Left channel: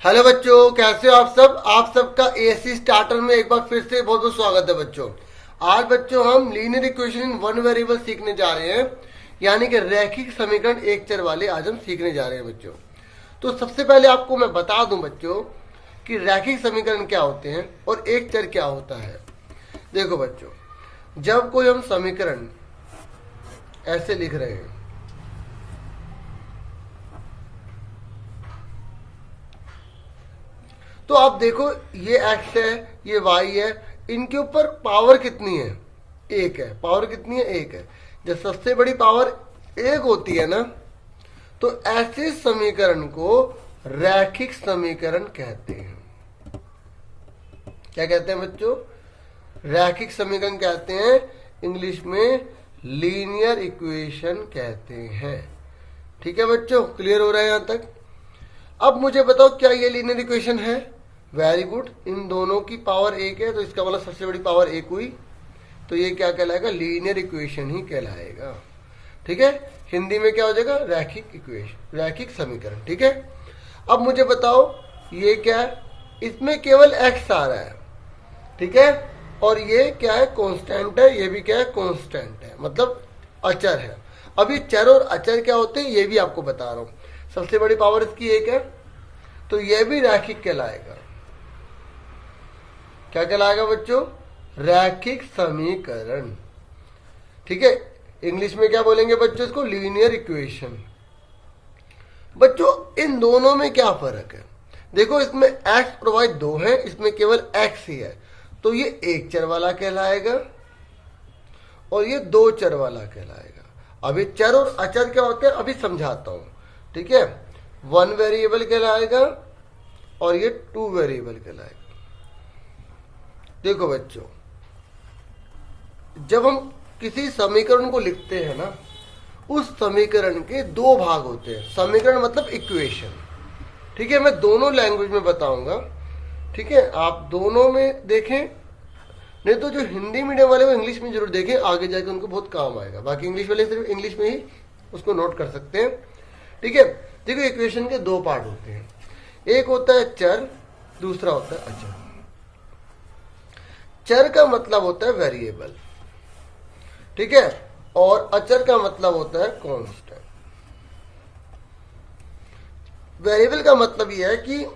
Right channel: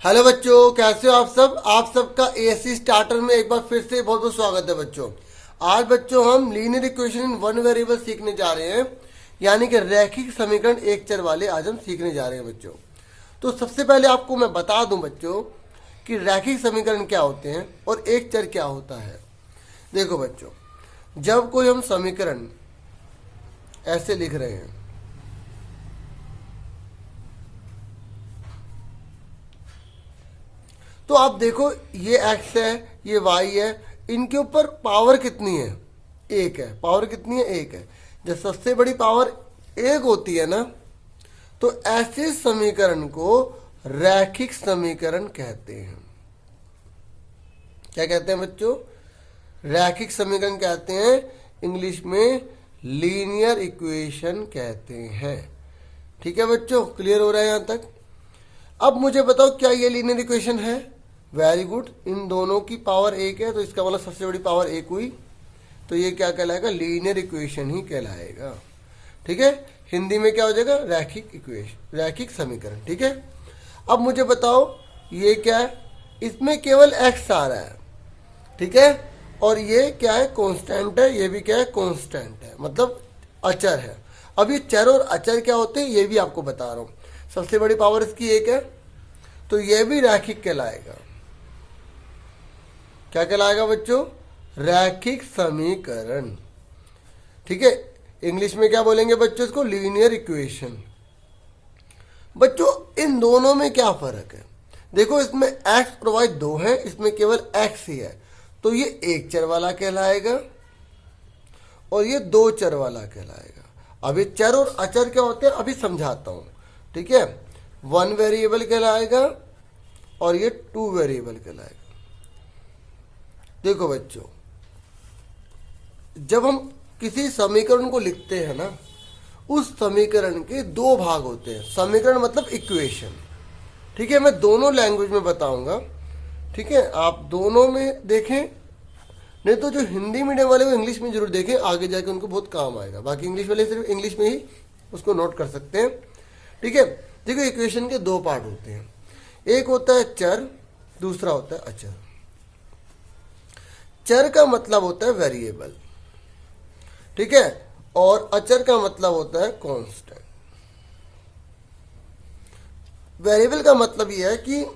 Hello बच्चों, कैसे हो आप सब। आप सबका एएससी स्टार्टर में एक बार फिर से बहुत बहुत स्वागत है बच्चों। आज बच्चों हम linear equation in one variable सीखने जा रहे हैं, यानी कि रैखिक समीकरण एक चर वाले आज हम सीखने जा रहे हैं बच्चों। तो सबसे पहले आपको मैं बता दूं बच्चों कि रैखिक समीकरण क्या होते हैं और एक चर क्या होता है। देखो बच्चों, जब कोई हम समीकरण ऐसे लिख रहे हैं, तो आप देखो ये x है, ये y है, इनके ऊपर पावर कितनी है? एक है। पावर कितनी है? एक है। जब सबसे बड़ी पावर एक होती है ना, तो ऐसे समीकरण को रैखिक समीकरण कहते हैं। क्या कहते हैं बच्चों? रैखिक समीकरण कहते हैं, इंग्लिश में लीनियर इक्वेशन कहते हैं। ठीक है बच्चों, क्लियर हो रहा है यहां तक? अब मुझे बताओ, क्या ये लीनियर इक्वेशन है? Very good. इन दोनों की पावर एक है, तो इसका मतलब सबसे बड़ी पावर एक हुई, तो ये क्या कहलाएगा? लीनियर इक्वेशन ही कहलाएगा। ठीक है, हिंदी में क्या हो जाएगा? रैखिक इक्वेशन, रैखिक समीकरण। ठीक है, अब मुझे बताओ ये क्या है? इसमें केवल x आ रहा है, ठीक है, और ये क्या है? कांस्टेंट है। ये भी क्या है? कांस्टेंट है, मतलब अचर है। अब ये चर और अचर क्या होते हैं ये भी आपको बता रहा हूं। सबसे बड़ी पावर इसकी एक है, तो ये भी रैखिक कहलाएगा। क्या कहलाएगा बच्चों? रैखिक समीकरण। ठीक है, इंग्लिश में क्या बोलेंगे बच्चों? इसको लीनियर इक्वेशन। बच्चों इन दोनों में क्या फर्क है? देखो, इसमें x और y दो है, इसमें केवल x ही है, तो ये एक चर वाला कहलाएगा और ये दो चर वाला कहलाएगा। अभी चर और अचर क्या होते हैं अभी समझाता हूं। ठीक है, वन वेरिएबल कहलाएगा और ये टू वेरिएबल कहलाएगा। देखो बच्चों, जब हम किसी समीकरण को लिखते हैं ना, उस समीकरण के दो भाग होते हैं। समीकरण मतलब इक्वेशन। ठीक है, मैं दोनों लैंग्वेज में बताऊंगा। ठीक है, आप दोनों में देखें, नहीं तो जो हिंदी मीडियम वाले वो इंग्लिश में जरूर देखें, आगे जाके उनको बहुत काम आएगा। बाकी इंग्लिश वाले सिर्फ इंग्लिश में ही उसको नोट कर सकते हैं। ठीक है, देखो इक्वेशन के दो पार्ट होते हैं, एक होता है चर, दूसरा होता है अचर। चर का मतलब होता है वेरिएबल, ठीक है, और अचर का मतलब होता है कांस्टेंट। वेरिएबल का मतलब यह है कि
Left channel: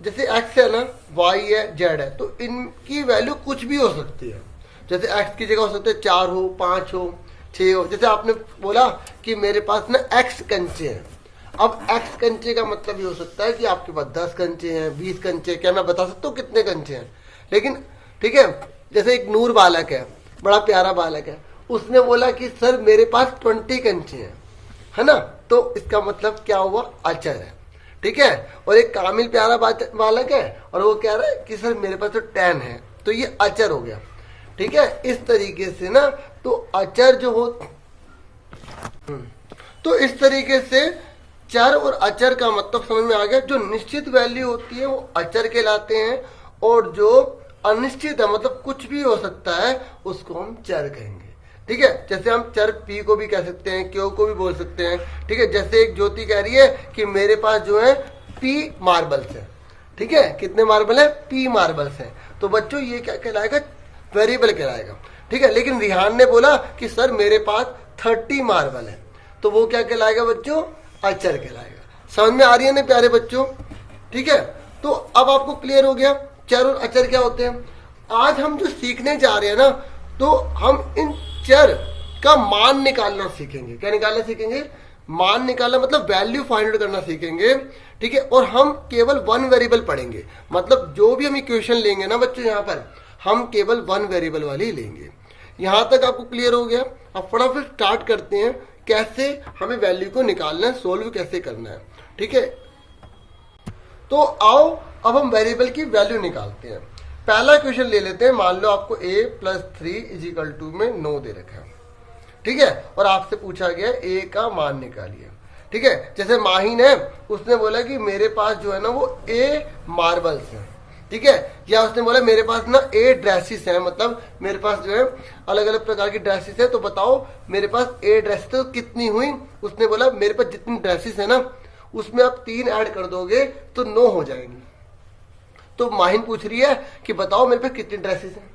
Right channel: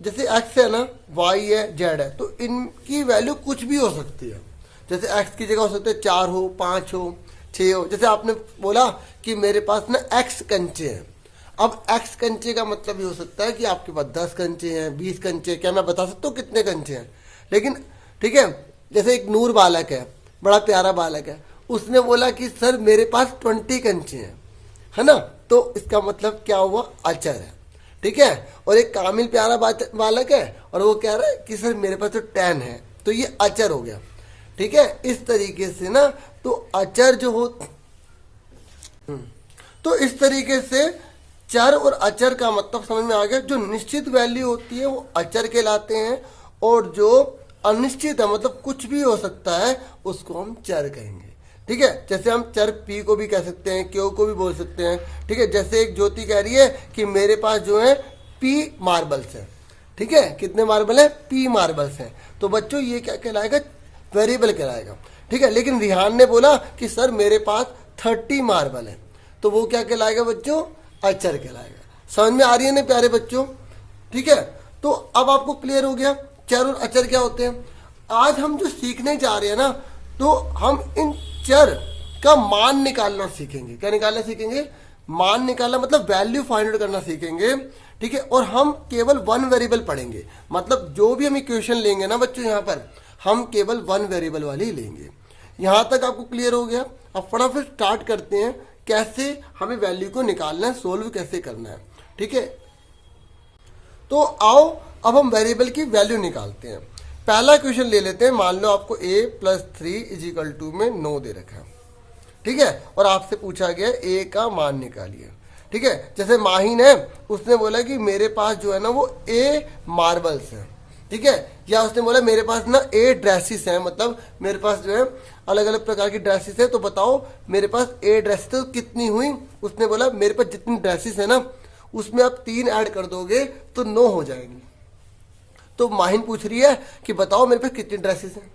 जैसे x है ना, y है, z है, तो इनकी वैल्यू कुछ भी हो सकती है। जैसे x की जगह हो सकते हैं 4 हो, 5 हो, 6 हो। जैसे आपने बोला कि मेरे पास ना x कंचे हैं। अब x कंचे का मतलब ये हो सकता है कि आपके पास 10 कंचे हैं, 20 कंचे। क्या मैं बता सकता हूँ कितने कंचे हैं? लेकिन ठीक है, जैसे एक नूर बालक है, बड़ा प्यारा बालक है, उसने बोला कि सर मेरे पास 20 कंचे हैं, है ना, तो इसका मतलब क्या हुआ? अचर है। ठीक है, और एक कामिल प्यारा बालक है और वो कह रहा है कि सर मेरे पास तो 10 है, तो ये अचर हो गया। ठीक है, इस तरीके से ना, तो अचर जो हो, तो इस तरीके से चर और अचर का मतलब समझ में आ गया। जो निश्चित वैल्यू होती है वो अचर कहलाते हैं, और जो अनिश्चित है मतलब कुछ भी हो सकता है उसको हम चर कहेंगे। ठीक है, जैसे हम चर p को भी कह सकते हैं, q को भी बोल सकते हैं। ठीक है, जैसे एक ज्योति कह रही है कि मेरे पास जो है p मार्बल्स है। ठीक है, कितने मार्बल है? p मार्बल्स है। तो बच्चों ये क्या कहलाएगा? वेरिएबल कहलाएगा। ठीक है, लेकिन रिहान ने बोला कि सर मेरे पास 30 मार्बल है, तो वो क्या कहलाएगा बच्चों? अचर कहलाएगा। समझ में आ रही है ना प्यारे बच्चों? ठीक है, तो अब आपको क्लियर हो गया चर और अचर क्या होते हैं। आज हम जो सीखने जा रहे हैं ना, तो हम इन चर का मान निकालना सीखेंगे। क्या निकालना सीखेंगे? मान निकालना, मतलब वैल्यू फाइंड आउट करना सीखेंगे। ठीक है, और हम केवल वन वेरिएबल पढ़ेंगे, मतलब जो भी हम इक्वेशन लेंगे ना बच्चे, यहाँ पर हम केवल वन वेरिएबल वाली ही लेंगे। यहां तक आपको क्लियर हो गया? अब फटाफट स्टार्ट करते हैं, कैसे हमें वैल्यू को निकालना है, सोल्व कैसे करना है। ठीक है, तो आओ अब हम वेरिएबल की वैल्यू निकालते हैं। पहला क्वेश्चन ले लेते हैं। मान लो आपको a + 3 में 9 दे रखा है। ठीक है, और आपसे पूछा गया a का मान निकालिए। ठीक है, जैसे माहिन है, उसने बोला कि मेरे पास जो है ना वो a मार्बल्स है। ठीक है, या उसने बोला मेरे पास ना a ड्रेसेस है, मतलब मेरे पास जो है अलग अलग प्रकार की ड्रेसेस है, तो बताओ मेरे पास a ड्रेसेस तो कितनी हुई? उसने बोला मेरे पास जितनी ड्रेसेस है ना उसमें आप 3 ऐड कर दोगे तो 9 हो जाएंगी। तो माहिन पूछ रही है कि बताओ मेरे पे कितनी ड्रेसेस हैं।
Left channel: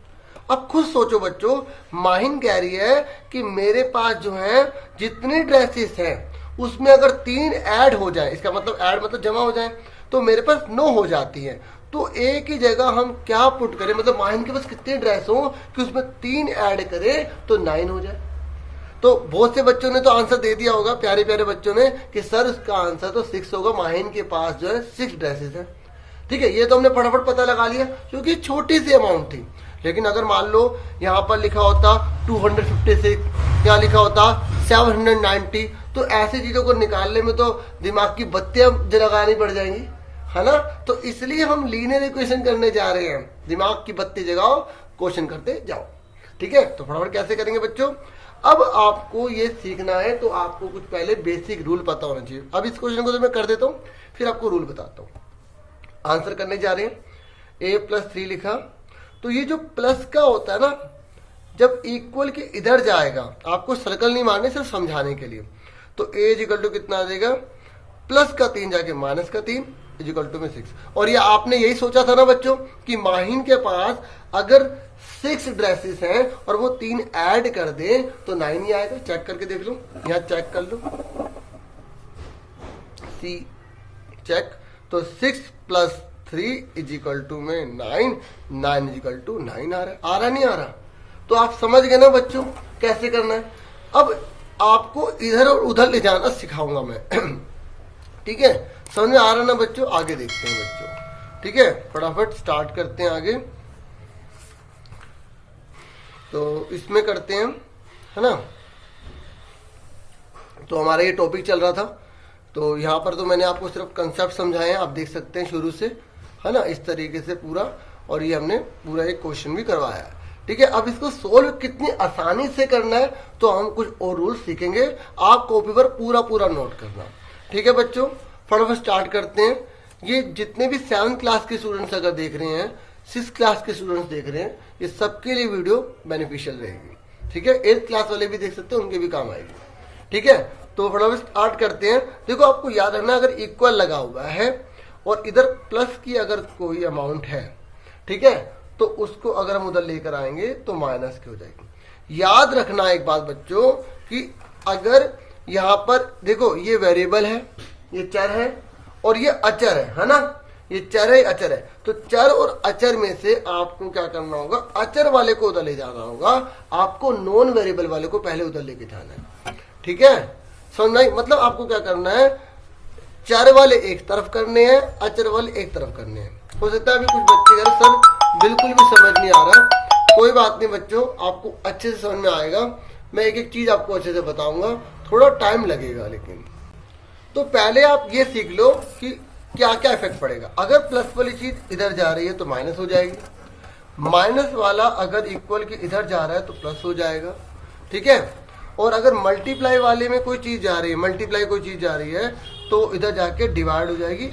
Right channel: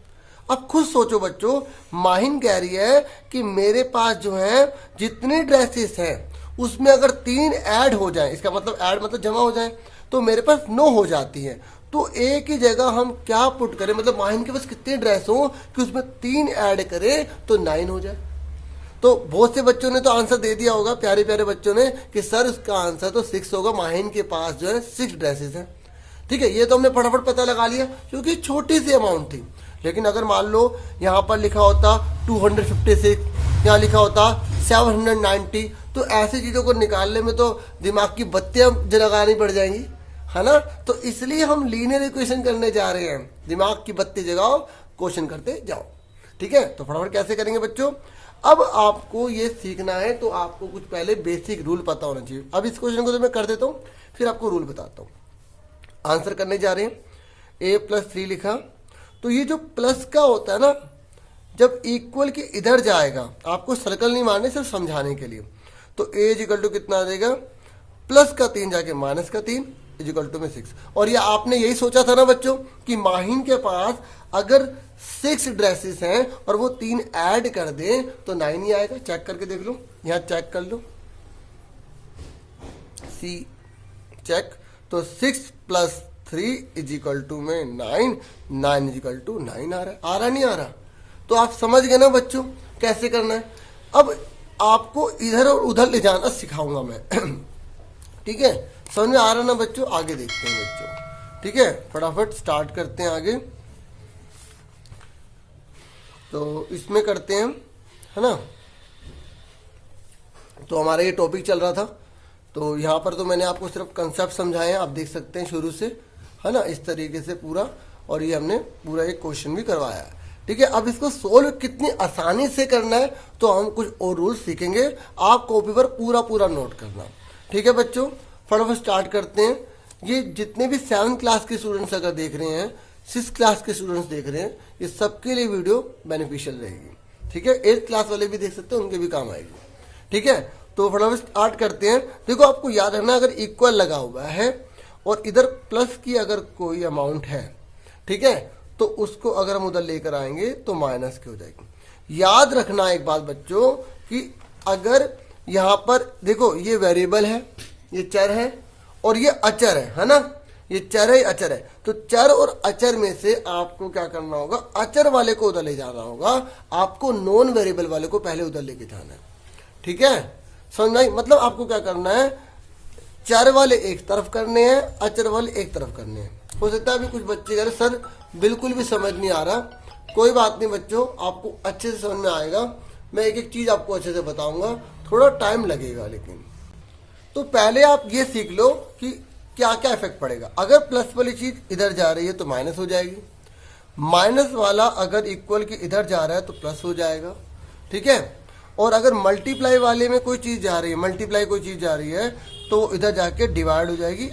अब खुद सोचो बच्चों, माहिन कह रही है कि मेरे पास जो है जितनी ड्रेसेस हैं उसमें अगर 3 ऐड हो जाए, इसका मतलब ऐड मतलब जमा हो जाए, तो मेरे पास 9 हो जाती है। तो एक ही जगह हम क्या पुट करें, मतलब माहिन के पास कितनी ड्रेस हो कि उसमें 3 ऐड करें तो 9 हो जाए। तो बहुत से बच्चों ने तो आंसर दे दिया होगा, प्यारे प्यारे बच्चों ने, कि सर उसका आंसर तो 6 होगा। माहिन के पास जो है 6 ड्रेसेस हैं। ठीक है, ये तो हमने फटाफट पता लगा लिया क्योंकि छोटी सी अमाउंट थी। लेकिन अगर मान लो यहाँ पर लिखा होता 256, यहाँ लिखा होता 790, तो ऐसी चीज़ों को निकालने में तो दिमाग की बत्तियां जगानी पड़ जाएंगी, है ना। तो इसलिए हम लीनियर इक्वेशन करने जा रहे हैं। दिमाग की बत्ती जगाओ, क्वेश्चन करते जाओ। ठीक है, तो फटाफट कैसे करेंगे बच्चों। अब आपको ये सीखना है तो आपको कुछ पहले बेसिक रूल पता होना चाहिए। अब इस क्वेश्चन को तो मैं कर देता हूँ, फिर आपको रूल बताता हूँ। आंसर करने जा रहे हैं। a+3 लिखा, तो ये जो प्लस का होता है ना, जब इक्वल के इधर जाएगा, आपको सर्कल नहीं मारने, सिर्फ समझाने के लिए, तो a कितना आ जाएगा, प्लस का 3 जाके माइनस का 3 में 6। और ये आपने यही सोचा था ना बच्चों कि माहिन के पास अगर 6 ड्रेसेस हैं और वो 3 ऐड कर दे तो 9 ही आएगा। चेक करके देख लो, यहाँ चेक कर लो, सी चेक, तो 6 + 3 में 9, 9 आ रहा नहीं आ रहा। तो आप समझ गए ना बच्चों कैसे करना है। अब आपको इधर और उधर ले जाना सिखाऊंगा मैं। ठीक है, समझ में आ रहा ना बच्चों, आगे देखते हैं बच्चों। ठीक है, फटाफट स्टार्ट करते हैं आगे। तो इसमें करते हैं, है ना। तो हमारा ये टॉपिक चल रहा था, तो यहाँ पर तो मैंने आपको सिर्फ कंसेप्ट समझाए हैं, आप देख सकते हैं शुरू से, है ना, इस तरीके से पूरा। और ये हमने पूरा एक क्वेश्चन भी करवाया है। ठीक है, अब इसको सोल्व कितनी आसानी से करना है तो हम कुछ और रूल सीखेंगे। आप कॉपी पर पूरा पूरा नोट करना। ठीक है बच्चों, फटाफट स्टार्ट करते हैं। ये जितने भी 7th क्लास के स्टूडेंट्स अगर देख रहे हैं, 6th क्लास के स्टूडेंट्स देख रहे हैं, ये सबके लिए वीडियो बेनिफिशियल रहेगी। ठीक है, 8th क्लास वाले भी देख सकते हैं, उनके भी काम आएगी। ठीक है, तो फटाफट स्टार्ट करते हैं। देखो, आपको याद रखना, अगर इक्वल लगा हुआ है और इधर प्लस की अगर कोई अमाउंट है, ठीक है, तो उसको अगर हम उधर लेकर आएंगे तो माइनस की हो जाएगी। याद रखना एक बात बच्चों कि अगर यहाँ पर देखो, ये वेरिएबल है, ये चर है और ये अचर है ना, ये चर है अचर है। तो चर और अचर में से आपको क्या करना होगा, अचर वाले को उधर ले जाना होगा, आपको नॉन वेरिएबल वाले को पहले उधर लेके जाना है। ठीक है, समझ आई। मतलब आपको क्या करना है, चर वाले एक तरफ करने हैं, अचर वाले एक तरफ करने हैं। हो सकता है अभी कुछ बच्चे कह रहे सर बिल्कुल भी समझ नहीं आ रहा, कोई बात नहीं बच्चों, आपको अच्छे से समझ में आएगा। मैं एक एक चीज आपको अच्छे से बताऊंगा, थोड़ा टाइम लगेगा लेकिन। तो पहले आप ये सीख लो कि क्या क्या इफेक्ट पड़ेगा। अगर प्लस वाली चीज इधर जा रही है तो माइनस हो जाएगी, माइनस वाला अगर इक्वल के इधर जा रहा है तो प्लस हो जाएगा। ठीक है, और अगर मल्टीप्लाई वाले में कोई चीज जा रही है, मल्टीप्लाई कोई चीज जा रही है तो इधर जाके डिवाइड हो जाएगी।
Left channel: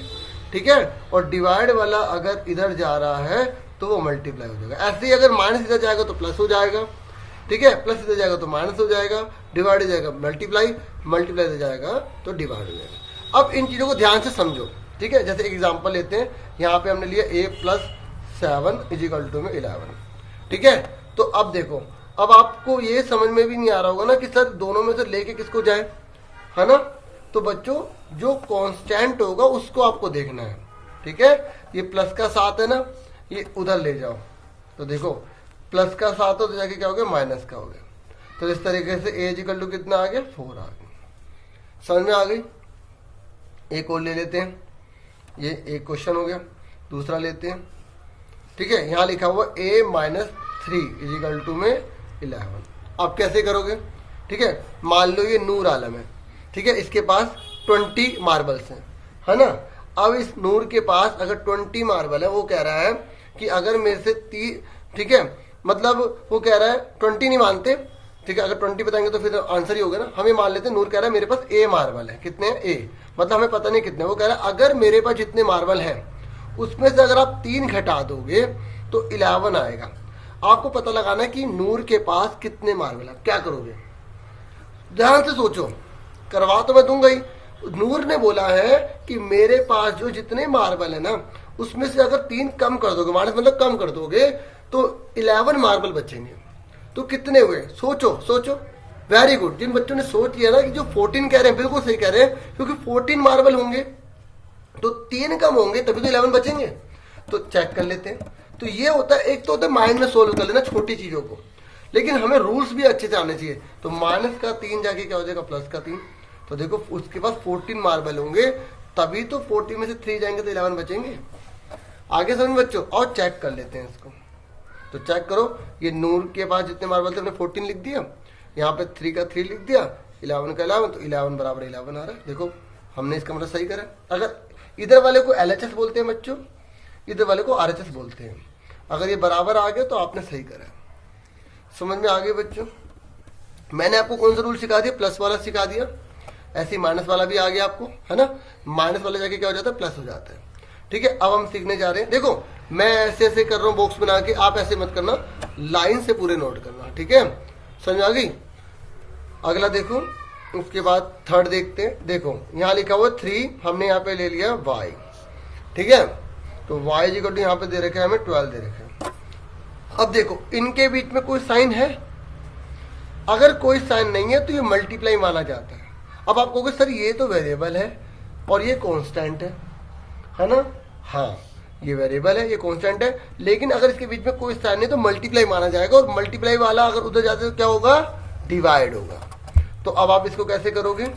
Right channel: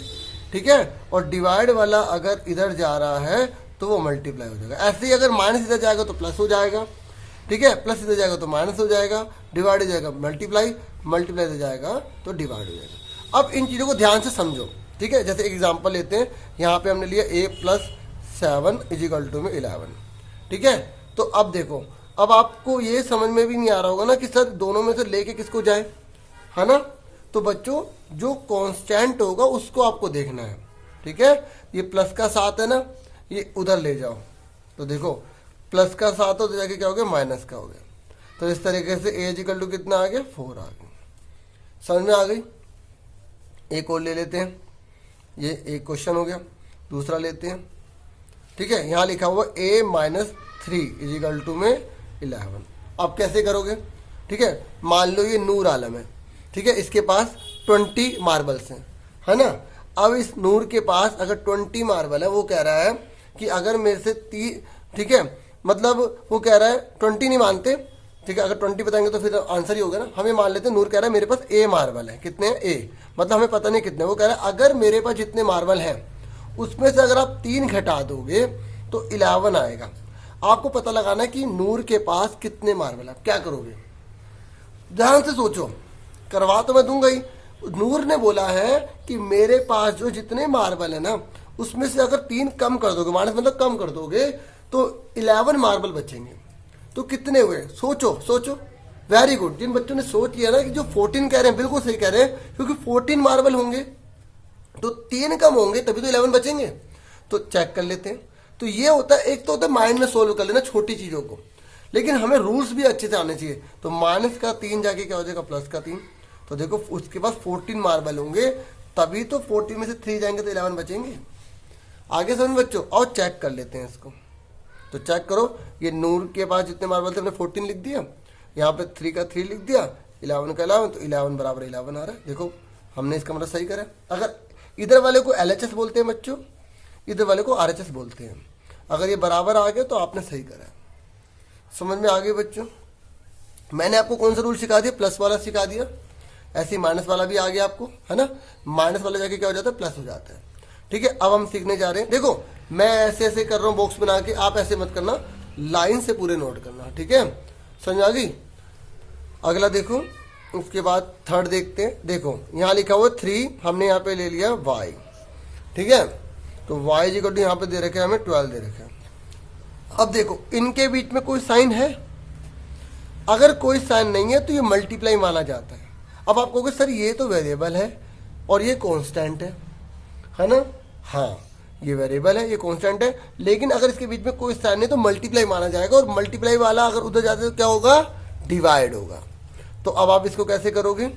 ठीक है, और डिवाइड वाला अगर इधर जा रहा है तो वो मल्टीप्लाई हो जाएगा। ऐसे ही अगर माइनस इधर जाएगा तो प्लस हो जाएगा। ठीक है, प्लस इधर जाएगा तो माइनस हो जाएगा, डिवाइड हो जाएगा मल्टीप्लाई, मल्टीप्लाई इधर जाएगा तो डिवाइड हो जाएगा। अब इन चीज़ों को ध्यान से समझो। ठीक है, जैसे एग्जांपल लेते हैं, यहाँ पे हमने लिया a+7 = 11। ठीक है, तो अब देखो, अब आपको ये समझ में भी नहीं आ रहा होगा ना कि सर दोनों में से लेके किसको जाए, है ना। तो बच्चों जो कांस्टेंट होगा उसको आपको देखना है। ठीक है, ये प्लस का 7 है ना, ये उधर ले जाओ, तो देखो प्लस का 7 हो तो जाके क्या हो गया, माइनस का हो गया। तो इस तरीके से a कितना आ गया, 4 आ गया। समझ में आ गई। एक और ले लेते हैं, ये एक क्वेश्चन हो गया, दूसरा लेते हैं। ठीक है, यहाँ लिखा हुआ a-3 = 11। अब कैसे करोगे। ठीक है, मान लो ये नूर आलम है, ठीक है, इसके पास 20 मार्बल्स हैं, है ना। अब इस नूर के पास अगर 20 मार्बल है, वो कह रहा है कि अगर मेरे से 30, ठीक है, मतलब वो कह रहा है 20 नहीं मानते। ठीक है, अगर 20 बताएंगे तो फिर आंसर ही होगा ना। हमें मान लेते हैं नूर कह रहा है मेरे पास A मार्बल है, कितने हैं, A, मतलब हमें पता नहीं कितने। वो कह रहा है अगर मेरे पास जितने मार्बल हैं उसमें से अगर आप 3 घटा दोगे तो 11 आएगा। आपको पता लगाना कि नूर के पास कितने मार्बल है। क्या करोगे, ध्यान से सोचो, करवा तो मैं दूंगा ही, नूर ने बोला है कि मेरे पास जो जितने मार्बल है ना उसमें से अगर 3 कम कर दोगे, माइनस मतलब कम कर दोगे, तो 11 मार्बल बचेंगे। तो कितने हुए? सोचो सोचो। वेरी गुड, जिन बच्चों ने सोच लिया ना कि जो 14 कह रहे हैं बिल्कुल सही कह रहे हैं, क्योंकि 14 मार्बल होंगे तो 3 कम होंगे तभी तो 11 बचेंगे। तो चेक कर लेते हैं। तो ये होता है, एक तो होता है माइंड में सोल्व कर लेना छोटी चीजों को, लेकिन हमें रूल्स भी अच्छे से आने चाहिए। तो माइनस का 3 जाके क्या हो जाएगा, प्लस का 3। तो देखो उसके पास 14 मार्बल होंगे, तभी तो 14 में से 3 जाएंगे तो 11 बचेंगे। आगे समझ बच्चों, और चेक कर लेते हैं इसको। तो चेक करो, ये नूर के पास जितने मार्बल थे हमने 14 लिख दिया, यहाँ पे 3 का 3 लिख दिया, 11 का 11, तो 11 बराबर 11 आ रहा है। देखो हमने इसका मतलब सही करा। अगर इधर वाले को LHS बोलते हैं बच्चों, इधर वाले को RHS बोलते हैं। अगर ये बराबर आ गया तो आपने सही करा। समझ में आ गई बच्चों? मैंने आपको कौन सा रूल सिखा दिया? प्लस वाला सिखा दिया। ऐसे माइनस वाला भी आ गया आपको, है ना। माइनस वाला जाके क्या हो जाता है, प्लस हो जाता है। ठीक है, अब हम सीखने जा रहे हैं। देखो मैं ऐसे ऐसे कर रहा हूँ बॉक्स बना के, आप ऐसे मत करना, लाइन से पूरे नोट करना। ठीक है, समझ आ गई? अगला देखो, उसके बाद थर्ड देखते हैं। देखो यहाँ लिखा हुआ 3, हमने यहाँ पे ले लिया y। ठीक है, तो y इक्वल टू यहाँ पे दे रखे हैं हमें 12 दे रखे हैं। अब देखो इनके बीच में कोई साइन है? अगर कोई साइन नहीं है तो ये मल्टीप्लाई माना जाता है। अब आप कहोगे सर ये तो वेरिएबल है और ये कांस्टेंट है ना। हाँ, ये वेरिएबल है, ये कांस्टेंट है, लेकिन अगर इसके बीच में कोई साइन नहीं तो मल्टीप्लाई माना जाएगा, और मल्टीप्लाई वाला अगर उधर जाते तो क्या होगा, डिवाइड होगा। तो अब आप इसको कैसे करोगे,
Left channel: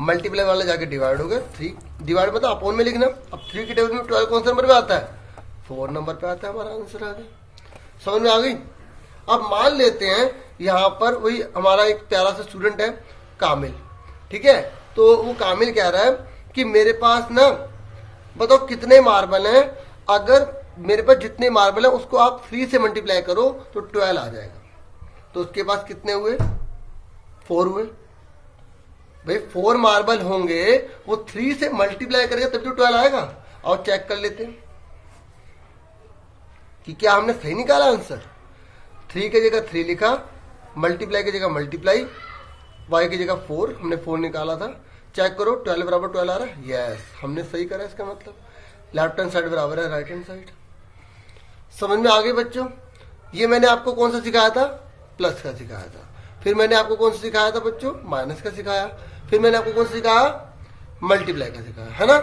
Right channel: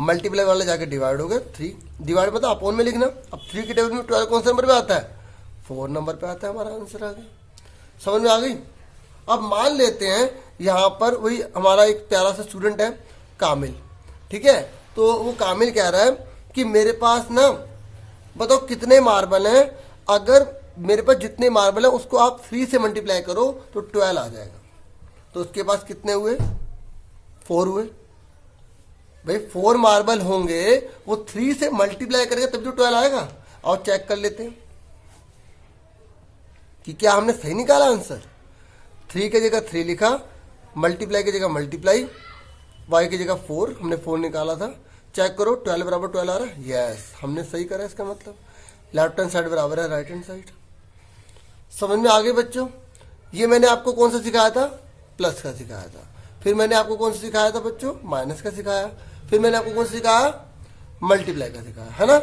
मल्टीप्लाई वाला जाके डिवाइड हो गया। 3 डिवाइड मतलब अपॉन में लिखना। अब 3 की टेबल में 12 कौन से नंबर पे आता है, 4 नंबर पे आता है, हमारा आंसर आ गया। समझ में आ गई? अब मान लेते हैं यहाँ पर वही हमारा एक प्यारा सा स्टूडेंट है कामिल। ठीक है, तो वो कामिल कह रहा है कि मेरे पास ना बताओ कितने मार्बल हैं, अगर मेरे पास जितने मार्बल है उसको आप 3 से मल्टीप्लाई करो तो 12 आ जाएगा। तो उसके पास कितने हुए, 4 हुए। भाई 4 मार्बल होंगे, वो 3 से मल्टीप्लाई करेगा तब तो 12 आएगा। और चेक कर लेते हैं कि क्या हमने सही निकाला आंसर। 3 की जगह 3 लिखा, मल्टीप्लाई की जगह मल्टीप्लाई, y की जगह 4, हमने 4 निकाला था। चेक करो 12 बराबर 12 आ रहा है। यस, हमने सही करा। इसका मतलब लेफ्ट हैंड साइड बराबर है राइट हैंड साइड। समझ में आ गई बच्चों? ये मैंने आपको कौन सा सिखाया था, प्लस का सिखाया था। फिर मैंने आपको कौन सा सिखाया था बच्चों, माइनस का सिखाया। फिर मैंने आपको कौन सा सिखाया, मल्टीप्लाई का सिखाया, है ना।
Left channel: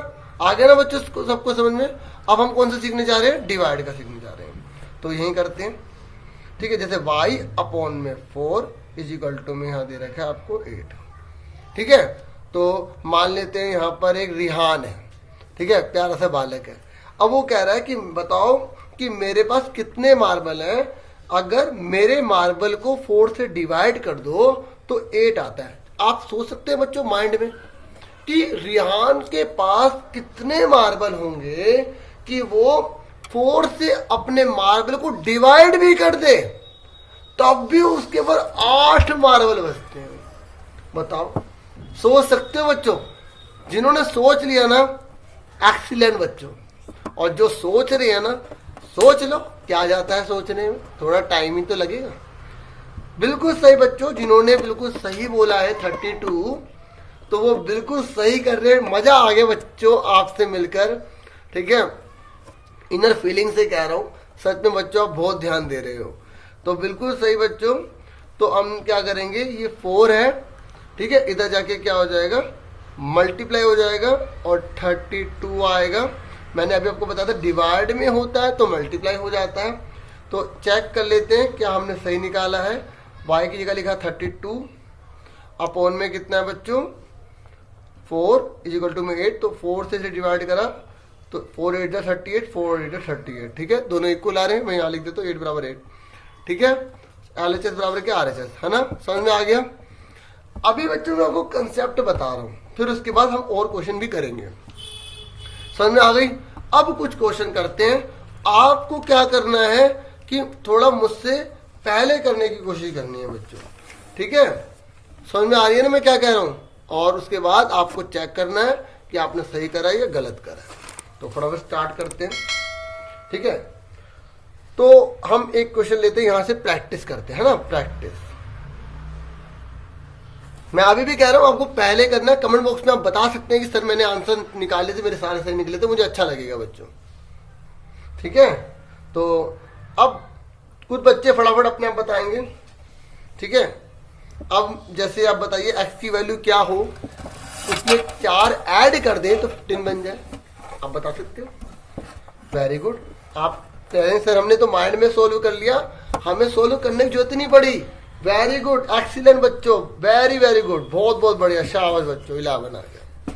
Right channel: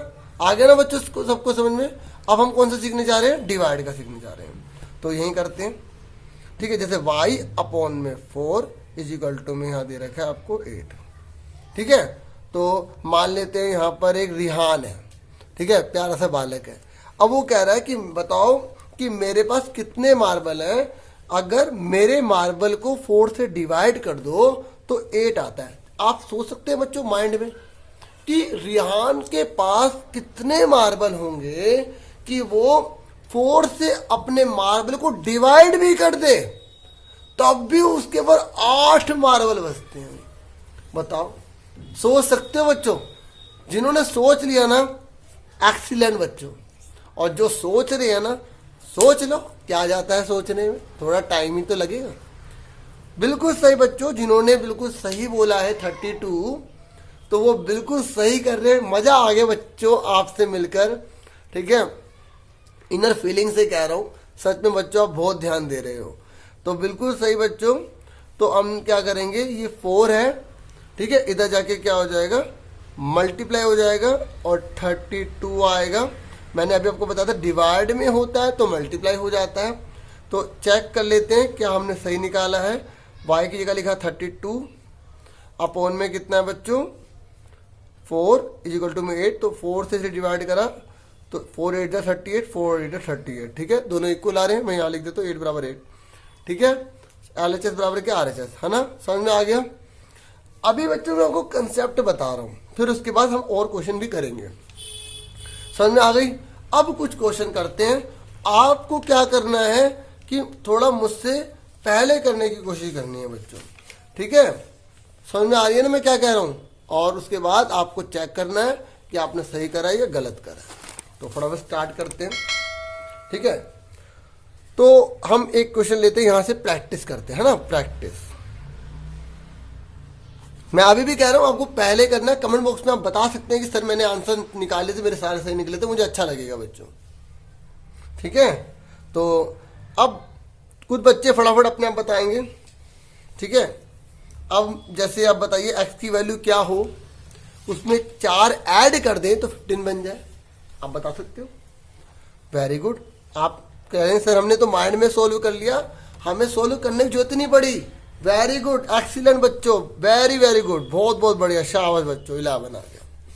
आ गया ना बच्चों सबको समझ में? अब हम कौन सा सीखने जा रहे हैं, डिवाइड का सीखने जा रहे हैं। तो यही करते हैं। ठीक है, जैसे y अपॉन में 4 इज इक्वल टू में यहाँ दे रखा है आपको 8। ठीक है, तो मान लेते हैं यहाँ पर एक रिहान है। ठीक है, प्यारा सा बालक है। अब वो कह रहा है कि बताओ कि मेरे पास कितने मार्बल हैं, अगर मेरे मार्बल को 4 से डिवाइड कर दो तो 8 आता है। आप सोच सकते हैं बच्चों माइंड में कि रिहान के पास कितने मार्बल होंगे कि वो 4 से अपने मार्बल को डिवाइड भी कर दे, तब भी उसके ऊपर 8 मार्बल बचते हैं। बताओ, सोच सकते हो बच्चों? जिन्होंने सोच लिया ना, एक्सीलेंट बच्चों। और जो सोच रहे हैं ना, सोच लो क्या जाता है सोचने में, थोड़ा टाइम ही तो लगेगा। बिल्कुल सही बच्चों, जिन्होंने बिल्कुल सही बोला है 32, तो वो बिल्कुल सही कर रहे हैं। मजा आ गया बच्चों आपसे मिलकर। ठीक है, इनर फीलिंग से कह रहा हूँ, सच में बच्चों आप बहुत ध्यान दे रहे हो। तो बिल्कुल सही बच्चों। तो हम क्या करेंगे, ये 4 है। ठीक है, इधर जाके क्या हो जाएगा, मल्टीप्लाई हो जाएगा और 32 आएगा। मैंने अभी आपको बताया था डिवाइड में होता है तो मल्टीप्लाई हो जाता है। तो चेक कर लेते हैं क्या हमने सही निकाला है। y की जगह लिखा 32, अपॉन में कितना है बच्चों, 4 इज इक्वल टू में 8। तो 4 से डिवाइड करा तो 4 8 38, 4 8 38। ठीक है, दोनों इक्वल आ रहे हैं। मैं यहाँ लिख देता हूँ 8 बराबर 8। ठीक है, LHS बराबर क्या, RHS, है ना। समझ में आ गया? अभी बच्चों मैं आपको कंसेप्ट बता रहा हूँ, फिर उसके बाद हम और क्वेश्चन भी करेंगे। समझ में आ गई? अब कुछ क्वेश्चन करते हैं। आपको क्या करना है कि थोड़ा मुझसे पहले करने की कोशिश करनी है बच्चों। ठीक है, समझ में आ रही है ना मैं क्या कह रहा हूँ? और उसके बाद आपको चेक करना है कि आपने सही करा या गलत करा। तो फटाफट स्टार्ट करते हैं। ठीक है, तो हम एक क्वेश्चन लेते हैं, यहां से प्रैक्टिस करते हैं, है ना। प्रैक्टिस मैं अभी भी कह रहा हूँ आपको पहले करना है। कमेंट बॉक्स में आप बता सकते हैं कि सर मैंने आंसर निकाले थे, मेरे सारे सही निकले थे, मुझे अच्छा लगेगा बच्चों। ठीक है, तो अब कुछ बच्चे फटाफट अपने आप बताएंगे। ठीक है, अब जैसे आप बताइए x की वैल्यू क्या हो, उसमें 4 ऐड कर दें तो 15 बन जाए। आप बता सकते हो। Very good. आप कह रहे हैं सर हमने तो माइंड में सोल्व कर लिया, हमें सोल्व करने की जरूरत ही नहीं पड़ी। वेरी गुड, एक्सीलेंट बच्चों, वेरी वेरी गुड, बहुत बहुत बढ़िया, शाबाश बच्चों। 11 आ गया।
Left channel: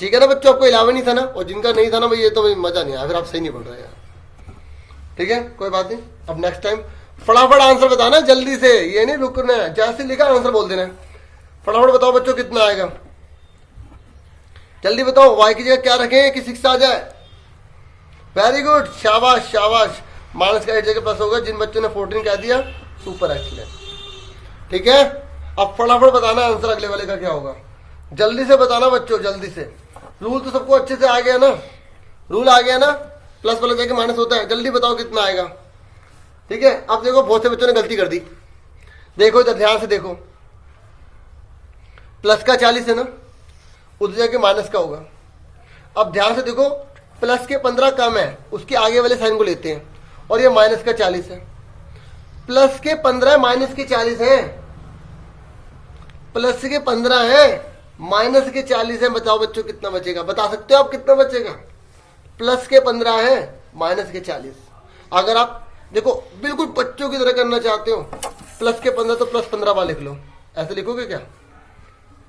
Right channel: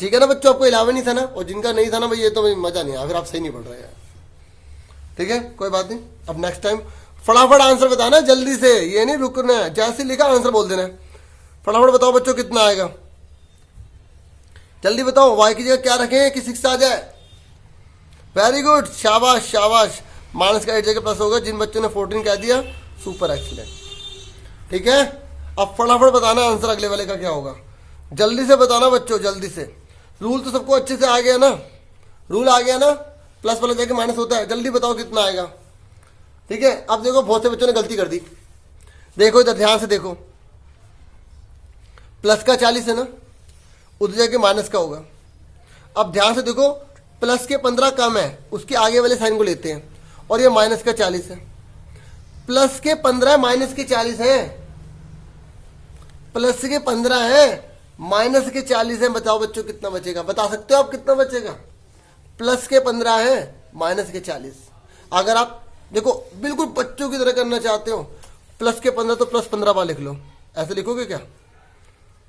ठीक है ना बच्चों, आपको 11 ही था ना, और जिनका नहीं था ना भाई ये तो मजा नहीं आया, फिर आप सही नहीं पढ़ रहे यार। ठीक है, कोई बात नहीं। अब नेक्स्ट टाइम फटाफट आंसर बताना जल्दी से, ये नहीं रुकना है, जैसे लिखा आंसर बोल देना। फटाफट बताओ बच्चों कितना आएगा, जल्दी बताओ। y की जगह क्या रखें कि 6 आ जाए। वेरी गुड, शाबाश शाबाश। माइनस का 8 जगह प्लस होगा। जिन बच्चों ने 14 कह दिया, सुपर एक्सीलेंट। ठीक है, अब फटाफट बताना आंसर अगले वाले का क्या होगा। जल्दी से बताना बच्चों, जल्दी से। रूल तो सबको अच्छे से आ गया ना, रूल आ गया ना, प्लस वाला जाके माइनस होता है। जल्दी बताओ कितना आएगा। ठीक है, अब देखो बहुत से बच्चों ने गलती कर दी। देखो इधर ध्यान से देखो, प्लस का 40 है ना, उधर जाके माइनस का होगा। अब ध्यान से देखो, प्लस के 15 कम है, उसके आगे वाले साइन को लेते हैं, और ये माइनस का 40 है। प्लस के 15 माइनस के 40 है, प्लस के 15 है माइनस के 40 है। बताओ बच्चों कितना बचेगा, बता सकते हो आप कितना बचेगा। प्लस के 15 है माइनस के 40। अगर आप देखो बिल्कुल बच्चों की तरह करना चाहते हो, प्लस के 15 तो प्लस 15 बार लिख लो। ऐसे लिखोगे क्या,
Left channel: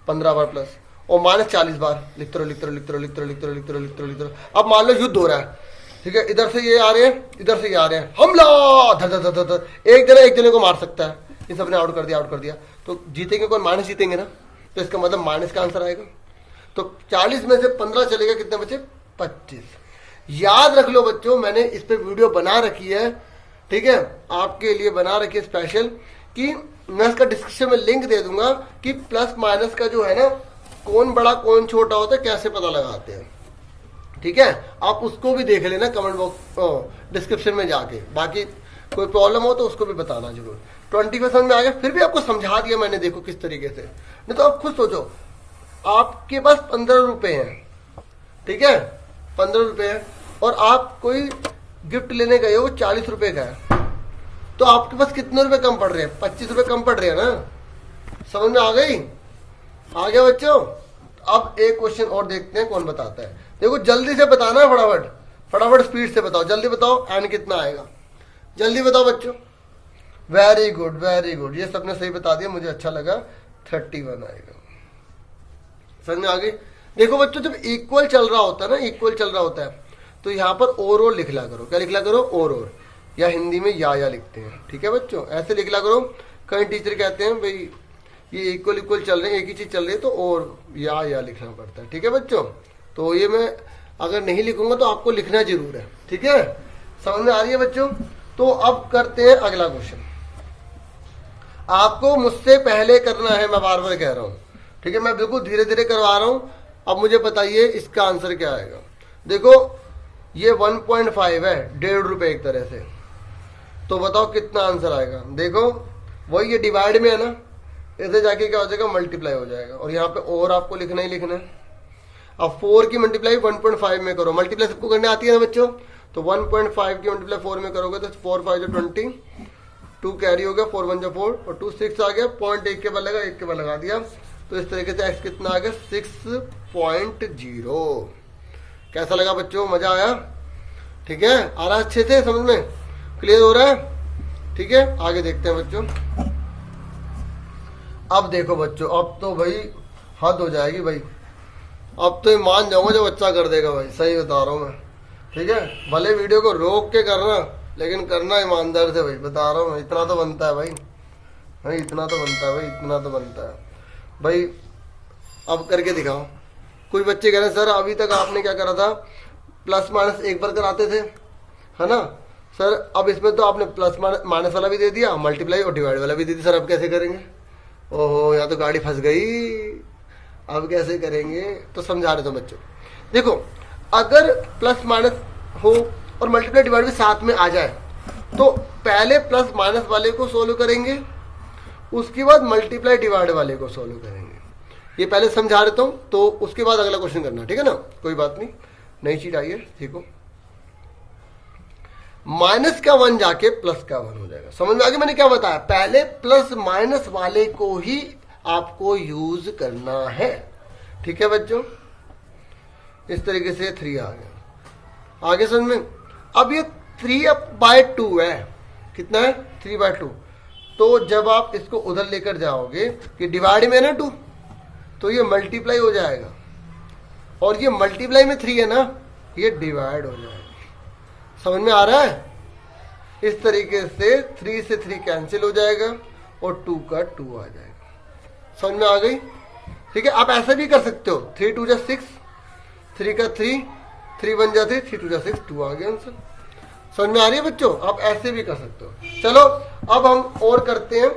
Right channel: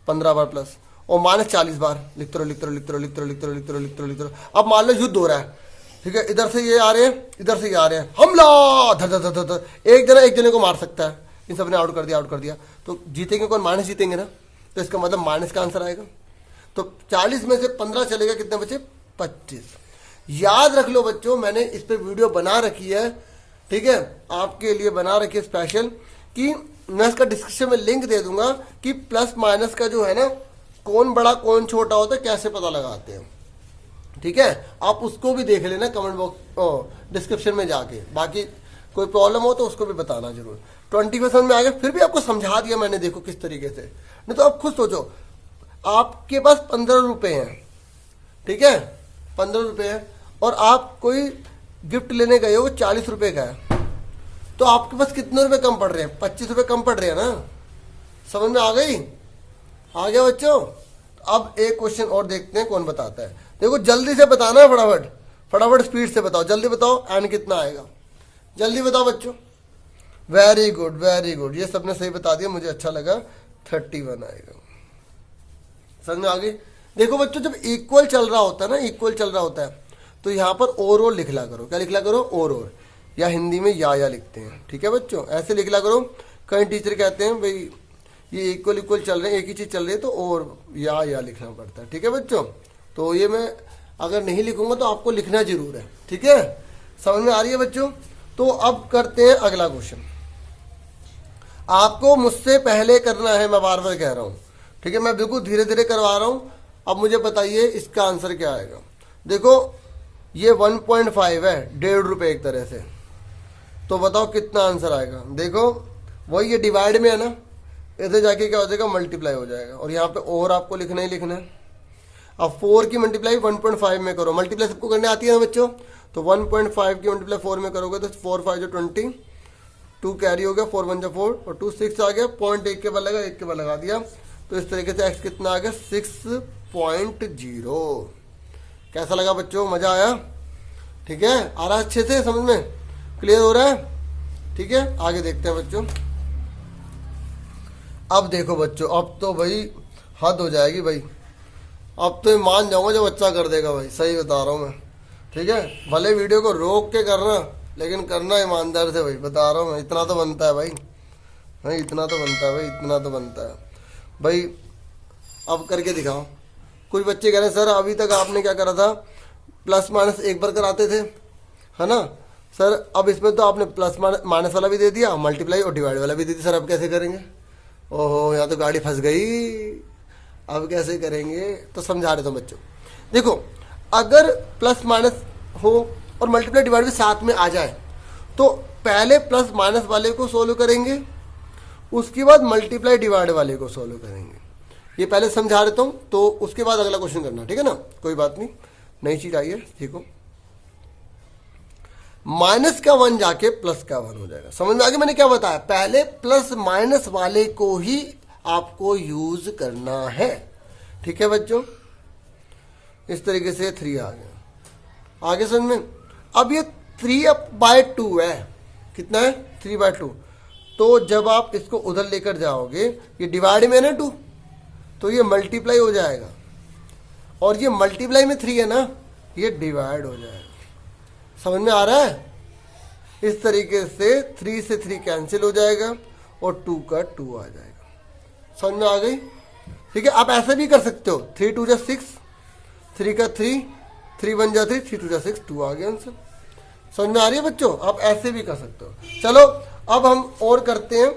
15 बार प्लस, और माइनस 40 बार लिखते रहो लिखते रहो लिखते रहो लिखते रहो लिखते रहो लिखते रहो लिखते रहो लिखते रहो। अब मान लो युद्ध हो रहा है, ठीक है, इधर से ये आ रहे हैं, इधर से ये आ रहे हैं, हमला, धर धर धर धर, एक जना एक जने को मार सकता है। ये सबने आउट कर दिया, आउट कर दिया, तो जीतेंगे कौन, माइनस जीतेंगे ना, तो इसका मतलब माइनस का आंसर आएगा। तो 40 में से 15 चलेगा, कितने बचे, 25। याद रख लो बच्चों, मैंने इस पे वीडियो बना रखी है, ठीक है, आपके लिए बना रखी है स्पेशल, कि मैं इसका डिस्क्रिप्शन में लिंक दे दूंगा कि प्लस माइनस का जो है ना, कौन बड़ा कौन छोटा होता है, कैसे पता लगाते हैं। ठीक है, आप उसको भी देख लेना कमेंट बॉक्स डिस्क्रिप्शन में जाके। बाकी कोई प्रॉब्लम हो तो उसको भी बताना जरूर। 20% में आ गया, फिर भी आपको समझा दिया मैंने, देखो किस तरीके से। नहीं तो आप खुद सोचो, आपके पास 15 रुपए हैं, ठीक है, 15 रुपए है, और आप कोई गिफ्ट लेने गए हो, 40 रुपए का है, तो आपके पास कितने रुपए कम पड़ रहे हैं, 25 रुपए कम पड़ रहे हैं ना। समझ में आ गई, आ गया बच्चों। अब एक क्वेश्चन और देखते हैं कौन बताता है। देखो जल्दी से बताना है, फटाफट फटाफट स्पीड से बताओ, जल्दी बताओ एन कितना आएगा, जल्दी बताओ बच्चों। वेरी गुड वेरी गुड, ये सबने सही बता दिया, मुझे अच्छा लगा। 31 आएगा। समझ में आ गई। देखो बच्चों, जब इक्वल चल रहा होता है ना, इक्वल चल रहा होता है, तो यहाँ पर और लिखला करो। क्या लिखला करो, और, या हिंदी में या लिखते हैं। ठीक है बच्चों, ऐसे लिखला करो। कई टीचर कहते हैं भाई ये इक्वल इक्वल चल रहे हैं, एक ही चीज चल रही है, तो और या लिखना पड़ता है। ठीक है बच्चों, तो ये मैं अगर नहीं लिखूंगा तो आपको लिखना जरूर है। ठीक है, समझ में आ रही है बच्चों। तो अब करते हैं अगला क्वेश्चन। आपको मुझसे पहले करना है, मैं बार बार कह रहा हूं, ठीक है, मैं बिल्कुल धीरे धीरे करवा रहा हूं। अब मुझे बताइए इसका आंसर क्या आएगा। देखो ये 1.5 है, 1.5 रुपए एक तरह से, तो बताओ कितना आंसर आएगा। देखो वही ये डिवाइड में है ना, इधर जाके क्या हो जाएगा, मल्टीप्लाई हो जाएगा, और यहाँ पे और आपको लिखना ही लिखना है। अब 4 की मल्टीप्लाई 1.5 में करो, मल्टीप्लाई सबको करने आती है ना बच्चों, तो 1.5 की मल्टीप्लाई 4 में करोगे तो 4 5 20, 2 कैरी हो गया, 4 1 4, और 2 6 आ गया, पॉइंट एक के बाद लगा, एक के बाद लगा दिया, तो इस तरीके से x कितना आ गया, 6.0। कैसा लगा बच्चों, मजा आया। ठीक है, आ रहा अच्छे से समझ में, क्लियर हो रहा है। ठीक है, आगे देखते हैं बच्चों। अब देखो बच्चों, अब तो भाई हद हो जाएगी भाई, अब तो मान जाऊंगा जो बच्चा कर देगा भाई, सही बता रहा हूँ मैं। ठीक है, भले वीडियो को रोक के करना, लेकिन करना ईमानदार से भाई, बता रहा हूँ। इतना तो बनता है भाई, भाई इतना तो बनता है भाई, इतना तो बनता है भाई। अब करके दिखाओ। कुछ बच्चे कह रहे हैं सर अभी तक आपने क्या करा था, प्लस माइनस एक बार कराते थे, है ना सर, अब इसमें तो आपने प्लस माइनस वाला भी दे दिया, मल्टीप्लाई और डिवाइड वाला भी दे दिया, सर अब कैसे करेंगे। ओहो, यहाँ तो गाड़ी फंस गई, अब कैसे करेंगे। तो समझा रहे थे बच्चों, देखो अगर प्लस माइनस हो और मल्टीप्लाई डिवाइड भी साथ में आ जाए, तो पहले प्लस माइनस वाले को सोल्व करेंगे, उसके बाद मल्टीप्लाई डिवाइड वाले को सॉल्व करेंगे। ये पहले समझा देता हूं, तो उसके बाद अगला क्वेश्चन करना, ठीक है ना, कोई बात नहीं, नई चीज आई है, देखो माइनस का 1 जाके प्लस का 1 हो जाएगा। समझ में आ गया मैंने क्या बताया, पहले प्लस माइनस वाले को ही आपको यूज करना है, ठीक है बच्चों। इस तरीके से 3 आ गया, आगे समझ में। अब ये 3/2 है, कितना है 3/2, तो जब आप इसको उधर लेकर जाओगे, ये डिवाइड में है ना 2, तो ये मल्टीप्लाई हो जाएगा, और ये मल्टीप्लाई में 3 है ना, ये डिवाइड हो जाएगा। समझ में आ रहा है, इस तरीके से 3 से 3 कैंसिल हो जाएगा और 2 का 2 आ जाएगा। समझ में आ गई, ठीक है। आप ऐसे भी कर सकते हो, 3 2 जा 6, 3 का 3, 3 1 जा 3, 3 2 जा 6, 2 आ गया आंसर। समझ में आ रही है बच्चों, आप ऐसे भी कर सकते हो। चलो अब हम और करते हैं,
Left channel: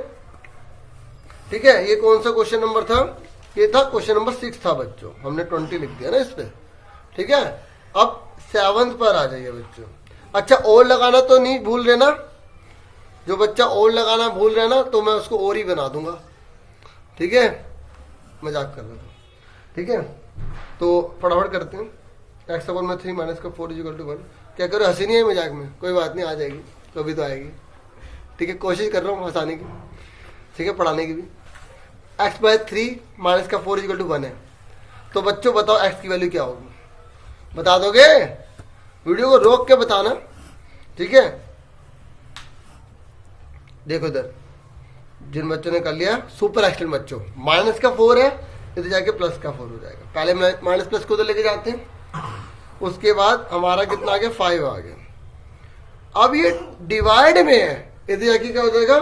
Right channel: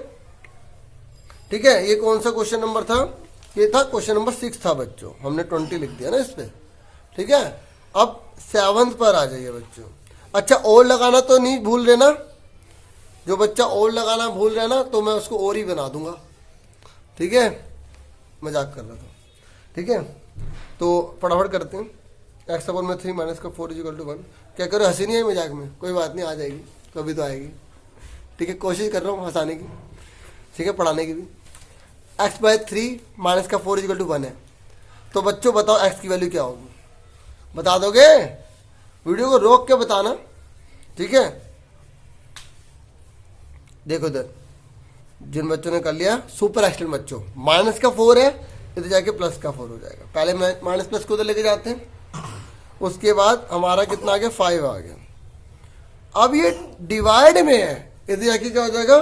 ठीक है। ये कौन सा क्वेश्चन नंबर था, ये था क्वेश्चन नंबर 6 था बच्चों, हमने 20 लिख दिया ना इस पे, ठीक है। अब 7th पर आ जाइए बच्चों। अच्छा, और लगाना तो नहीं भूल रहे ना, जो बच्चा और लगाना भूल रहा ना, तो मैं उसको और ही बना दूंगा, ठीक है, मजाक कर रहा था, ठीक है। तो फटाफट करते हैं, x में 3 माइनस का 4 = 1। क्या करो, हंसी नहीं है मजाक में, कोई बात नहीं, आ जाएगी, कभी तो आएगी, ठीक है। कोशिश कर रहा हूँ हंसाने की, ठीक है, पढ़ाने की भी। x/3 माइनस का 4 = 1 है, तो बच्चों बताओ x की वैल्यू क्या होगी, बता दोगे, वीडियो को रोक के बताना, ठीक है। देखो इधर जिन बच्चों ने कर लिया, सुपर एक्सटेंड बच्चों, माइनस का 4 है, इधर जाके प्लस का 4 हो जाएगा। पहले माइनस प्लस को उधर लेके जाते हैं, उसके बाद हमारा कितना आ गया, 5 आ गया। अब ये डिवाइड में है, इधर जाके क्या हो जाएगा,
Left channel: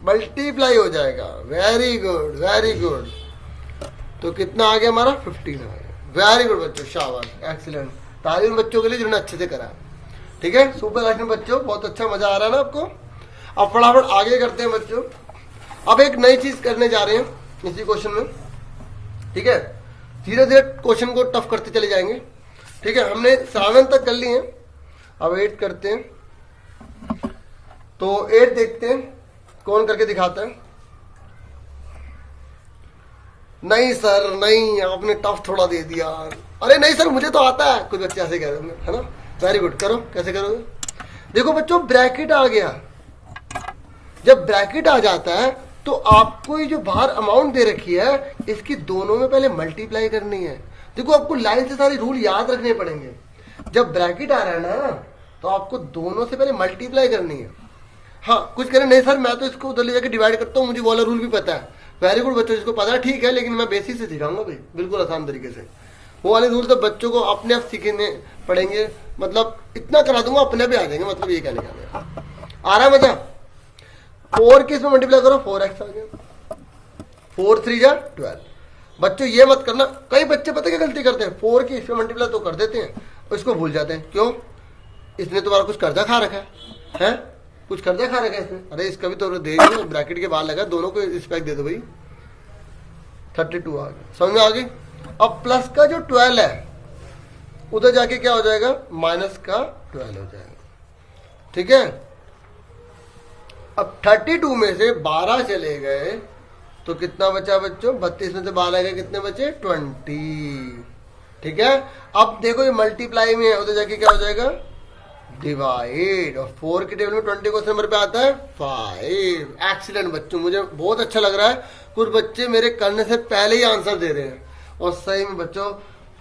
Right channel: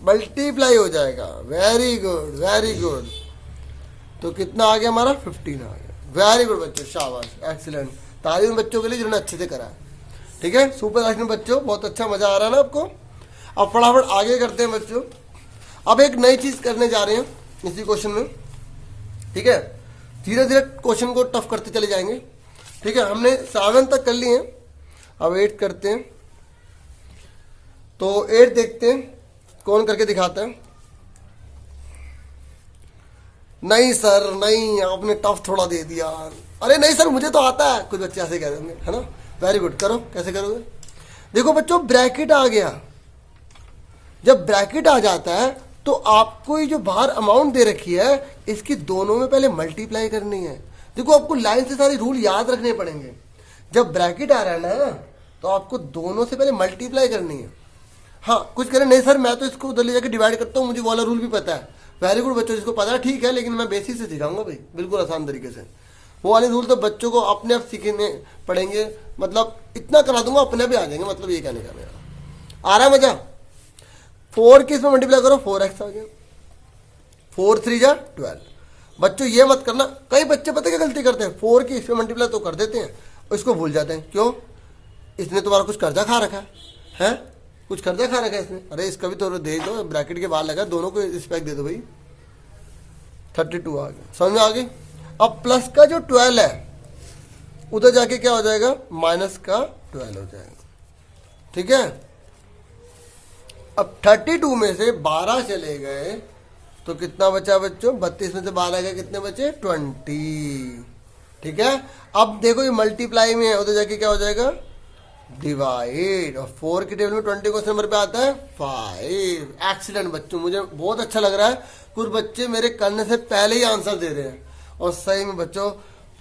मल्टीप्लाई हो जाएगा। वेरी गुड वेरी गुड, तो कितना आ गया हमारा, 15 आ गया। वेरी गुड बच्चों, शाबाश, एक्सीलेंट, तारीफ बच्चों के लिए जिन्होंने अच्छे से करा, ठीक है। सुपर एक्सटेंड बच्चों, बहुत अच्छा, मजा आ रहा है ना आपको। अब फटाफट आगे करते हैं बच्चों। अब एक नई चीज करने जा रहे हैं इसी क्वेश्चन में, ठीक है। धीरे धीरे क्वेश्चन को टफ करते चले जाएंगे, ठीक है। हमने 7 तक कर लिए हैं, अब 8 करते हैं। तो 8 देखते हैं कौन करके दिखाता है। नहीं सर नहीं, आपने टफ थोड़ा दे दिया। अरे नहीं सर, मुझे तो आता है, कुछ बच्चे ऐसे कह देंगे, है ना। वेरी गुड, करो, कैसे करोगे। देखो बच्चों, ब्रैकेट आ गया। जब ब्रैकेट आ जाता है तो आपको ये जो बाहर अमाउंट दे रखी है, इसकी दोनों में पहले मल्टीप्लाई करनी है। देखो आपको लाइन से सारे रूल याद रखने पड़ेंगे। जब ब्रैकेट आ रहा है ना, तो आपको दोनों से पहले मल्टीप्लाई करनी है। हाँ, कुछ करें, नहीं सर मैं तो इसको उधर ले जाकर डिवाइड करता हूँ, मुझे वाला रूल भी पता है। वेरी गुड बच्चों, इसको पता है, ठीक है, लेकिन मैं बेसिक से सिखाऊंगा भाई, बिल्कुल आसान तरीके से। वो वाले रूल तो बच्चों को अपने आप सीखने पड़ेंगे, मतलब इतना करा दूंगा अपने आप ही आ जाएंगे, मतलब ये कहने का आ रहा है मजा। 4 के इसमें मल्टीप्लाई करो, 4x आ गया, 4 3 जा 12। बच्चों ये मत करना, कई बच्चे पता क्या गलती करते हैं, 4 की इसमें मल्टीप्लाई तो कर देते हैं, उसको भूल जाते हैं। क्यों, इसने तुम्हारा कुछ कर्जा खा रखा है, कुछ कर्जा खा रखा है इसमें। अरे इसका भी तो दे दो, ब्रैकेट के बाहर लगा, दोनों को रिस्पेक्ट दे दो भाई। 32 आ गया, समझ में आ गई। अब प्लस का जो 12 है, उधर जाके क्या हो जाएगा, माइनस का 12 हो जाएगा, ठीक है। अब 32 में से 12 चले गए तो कितना बचा बच्चों, 32 में से 12 गए, कितने बचे, 20, ठीक है। अब देखो ये मल्टीप्लाई में है, उधर जाके क्या हो जाएगा, डिवाइड। और 4 की टेबल में 20 क्वेश्चन नंबर पे आता है 5। एक्सीलेंट बच्चों, मुझे बहुत अच्छा लग रहा है, कुछ बच्चे मेरे करने से पहले ही आंसर दे रहे हैं, और सही में बच्चों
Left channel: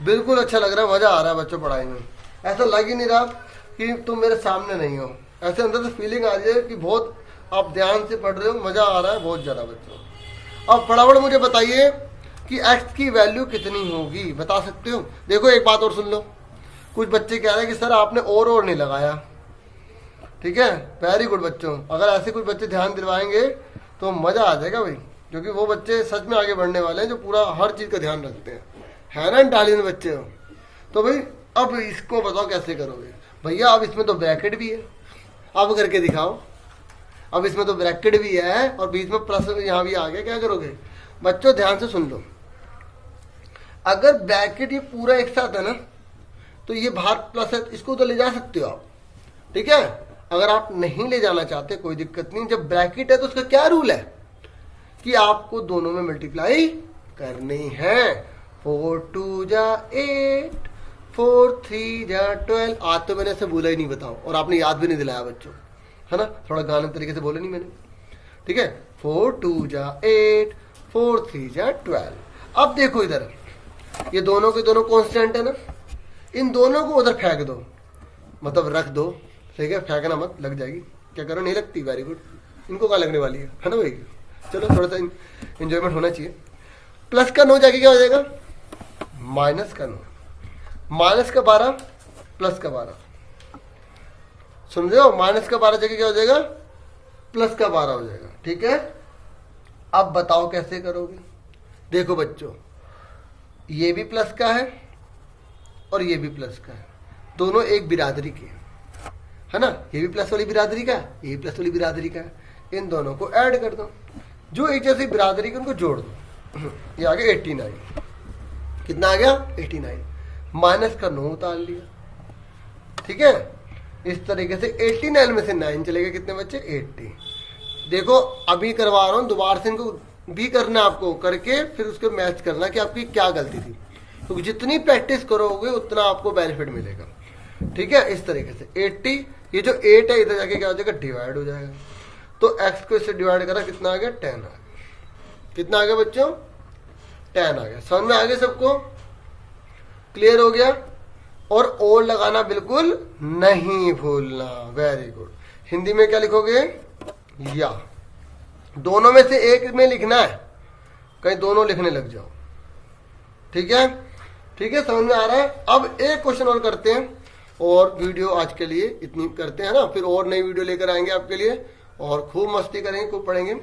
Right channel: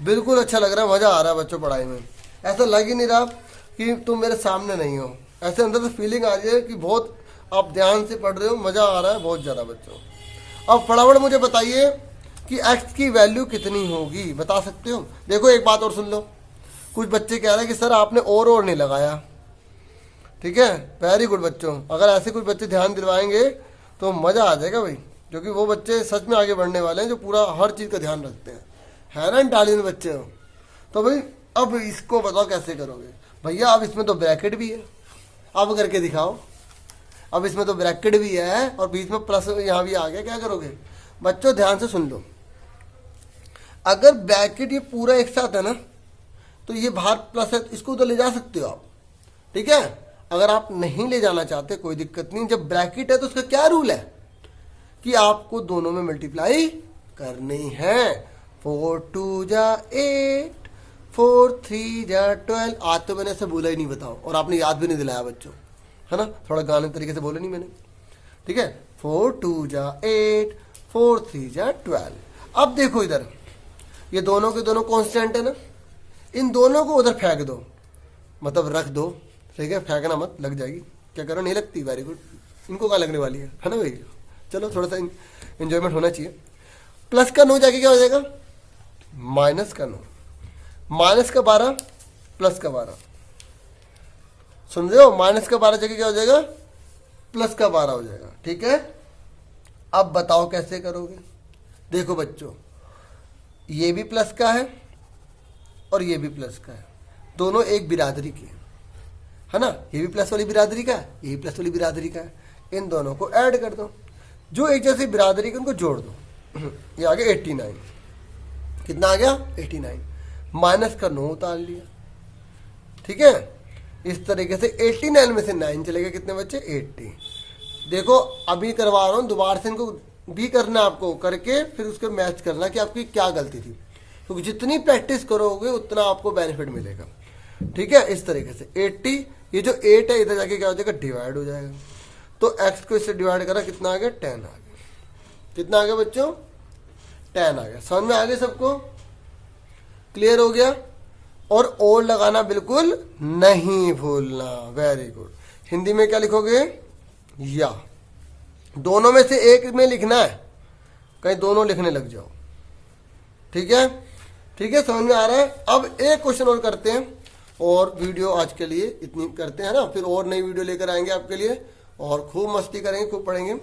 बिल्कुल अच्छा लग रहा है, मजा आ रहा है बच्चों पढ़ाई में। ऐसा लग ही नहीं रहा कि तुम मेरे सामने नहीं हो, ऐसे अंदर से फीलिंग आ रही है कि बहुत आप ध्यान से पढ़ रहे हो, मजा आ रहा है बहुत ज्यादा बच्चों। अब फटाफट मुझे बताइए कि x की वैल्यू कितनी होगी, बता सकते हो। देखो एक बात और सुन लो, कुछ बच्चे कह रहे हैं कि सर आपने और नहीं लगाया, ठीक है। वेरी गुड बच्चों, अगर ऐसे कुछ बच्चे ध्यान दिलवाएंगे तो मजा आ जाएगा भाई, क्योंकि वो बच्चे सच में आगे बढ़ने वाले हैं जो पूरा हर चीज का ध्यान रखते हैं, है ना, इंटेलिजेंट बच्चे हो। तो भाई अब इसको बताओ कैसे करोगे भैया। अब इसमें तो ब्रैकेट भी है, अब करके दिखाओ। अब इसमें तो ब्रैकेट भी है और बीच में प्लस यहाँ भी आ गया, क्या करोगे बच्चों, ध्यान से सुन लो। अगर ब्रैकेट ये पूरा एक साथ है ना, तो ये बाहर प्लस है, इसको तो ले जा सकते हो आप, ठीक है। अगर आप नहीं ले जाना चाहते कोई दिक्कत नहीं, जब ब्रैकेट है तो उसका क्या रूल है कि आपको दोनों में मल्टीप्लाई करनी है। 4 2 जा 8, 4 3 जा 12। आज तो मैंने ऐसे बोला ही नहीं, बताओ, और आपने याद भी नहीं दिलाया बच्चों, है ना, थोड़ा गाने तरीके से बोले नहीं मैंने, ठीक है। 4 2 जा 8, 4 3 जा 12। अब देखो इधर, ये दोनों के दोनों कांस्टेंट है ना, इन दोनों को उधर फेंक दो, मतलब रख दो, ठीक है, फेंकना मत, लग जाएगी, क्या करो, नहीं लगती, वेरी गुड, इनको कहाँ लगने वाली है ना भाई। चलो थोड़ा सा इंजॉयमेंट होना चाहिए। प्लस का 9 जाके क्या हो जाएगा, माइनस का 9, माइनस का 12, प्लस का 12, सुन रहे हो, माइनस का 12 जाके क्या हो जाएगा, प्लस का 12 हो जाएगा, ठीक है। अब बताओ कैसे करोगे। देखो बच्चों, ये भी प्लस का है और ये भी प्लस का है, दोनों एक बिरादरी के, है ना, ये भी प्लस वाली बिरादरी का, ये भी प्लस वाली बिरादरी का, इन दोनों को ऐड कर दो, जो एक जैसी बिरादरी के उनको जोड़ दो। ये आ गया 89, कितना आ गया 89, माइनस का 9 उतार लिया, ठीक है। इस तरीके से 89 में से 9 चलेगा, कितने बच्चे 80। देखो अभी करवा रहा हूं, दोबारा से इनको भी करना आपको, करके फिर उसको मैच करना कि आपकी क्या गलती थी, क्योंकि जितनी प्रैक्टिस करोगे उतना आपको बेनिफिट मिलेगा, ठीक है। इस तरीके से 80, ये जो 8 है इधर जाके क्या हो जाएगा, डिवाइड हो जाएगा, तो x को इससे डिवाइड करा, कितना आ गया 10 आ गया, कितना आ गया बच्चों 10 आ गया। समझ में आ गया सबको, क्लियर हो गया। और लगाना बिल्कुल नहीं भूलना, वेरी गुड। हिंदी में क्या लिखोगे, या, दोनों में से एक में लिखना है, कहीं दोनों लिखने लग जाओ, ठीक है, ठीक है, समझ में आ रहा है। अब एक क्वेश्चन और करते हैं, और वीडियो आज के लिए इतनी करते हैं ना, फिर और नई वीडियो लेकर आएंगे आपके लिए, और खूब मस्ती करेंगे, खूब पढ़ेंगे।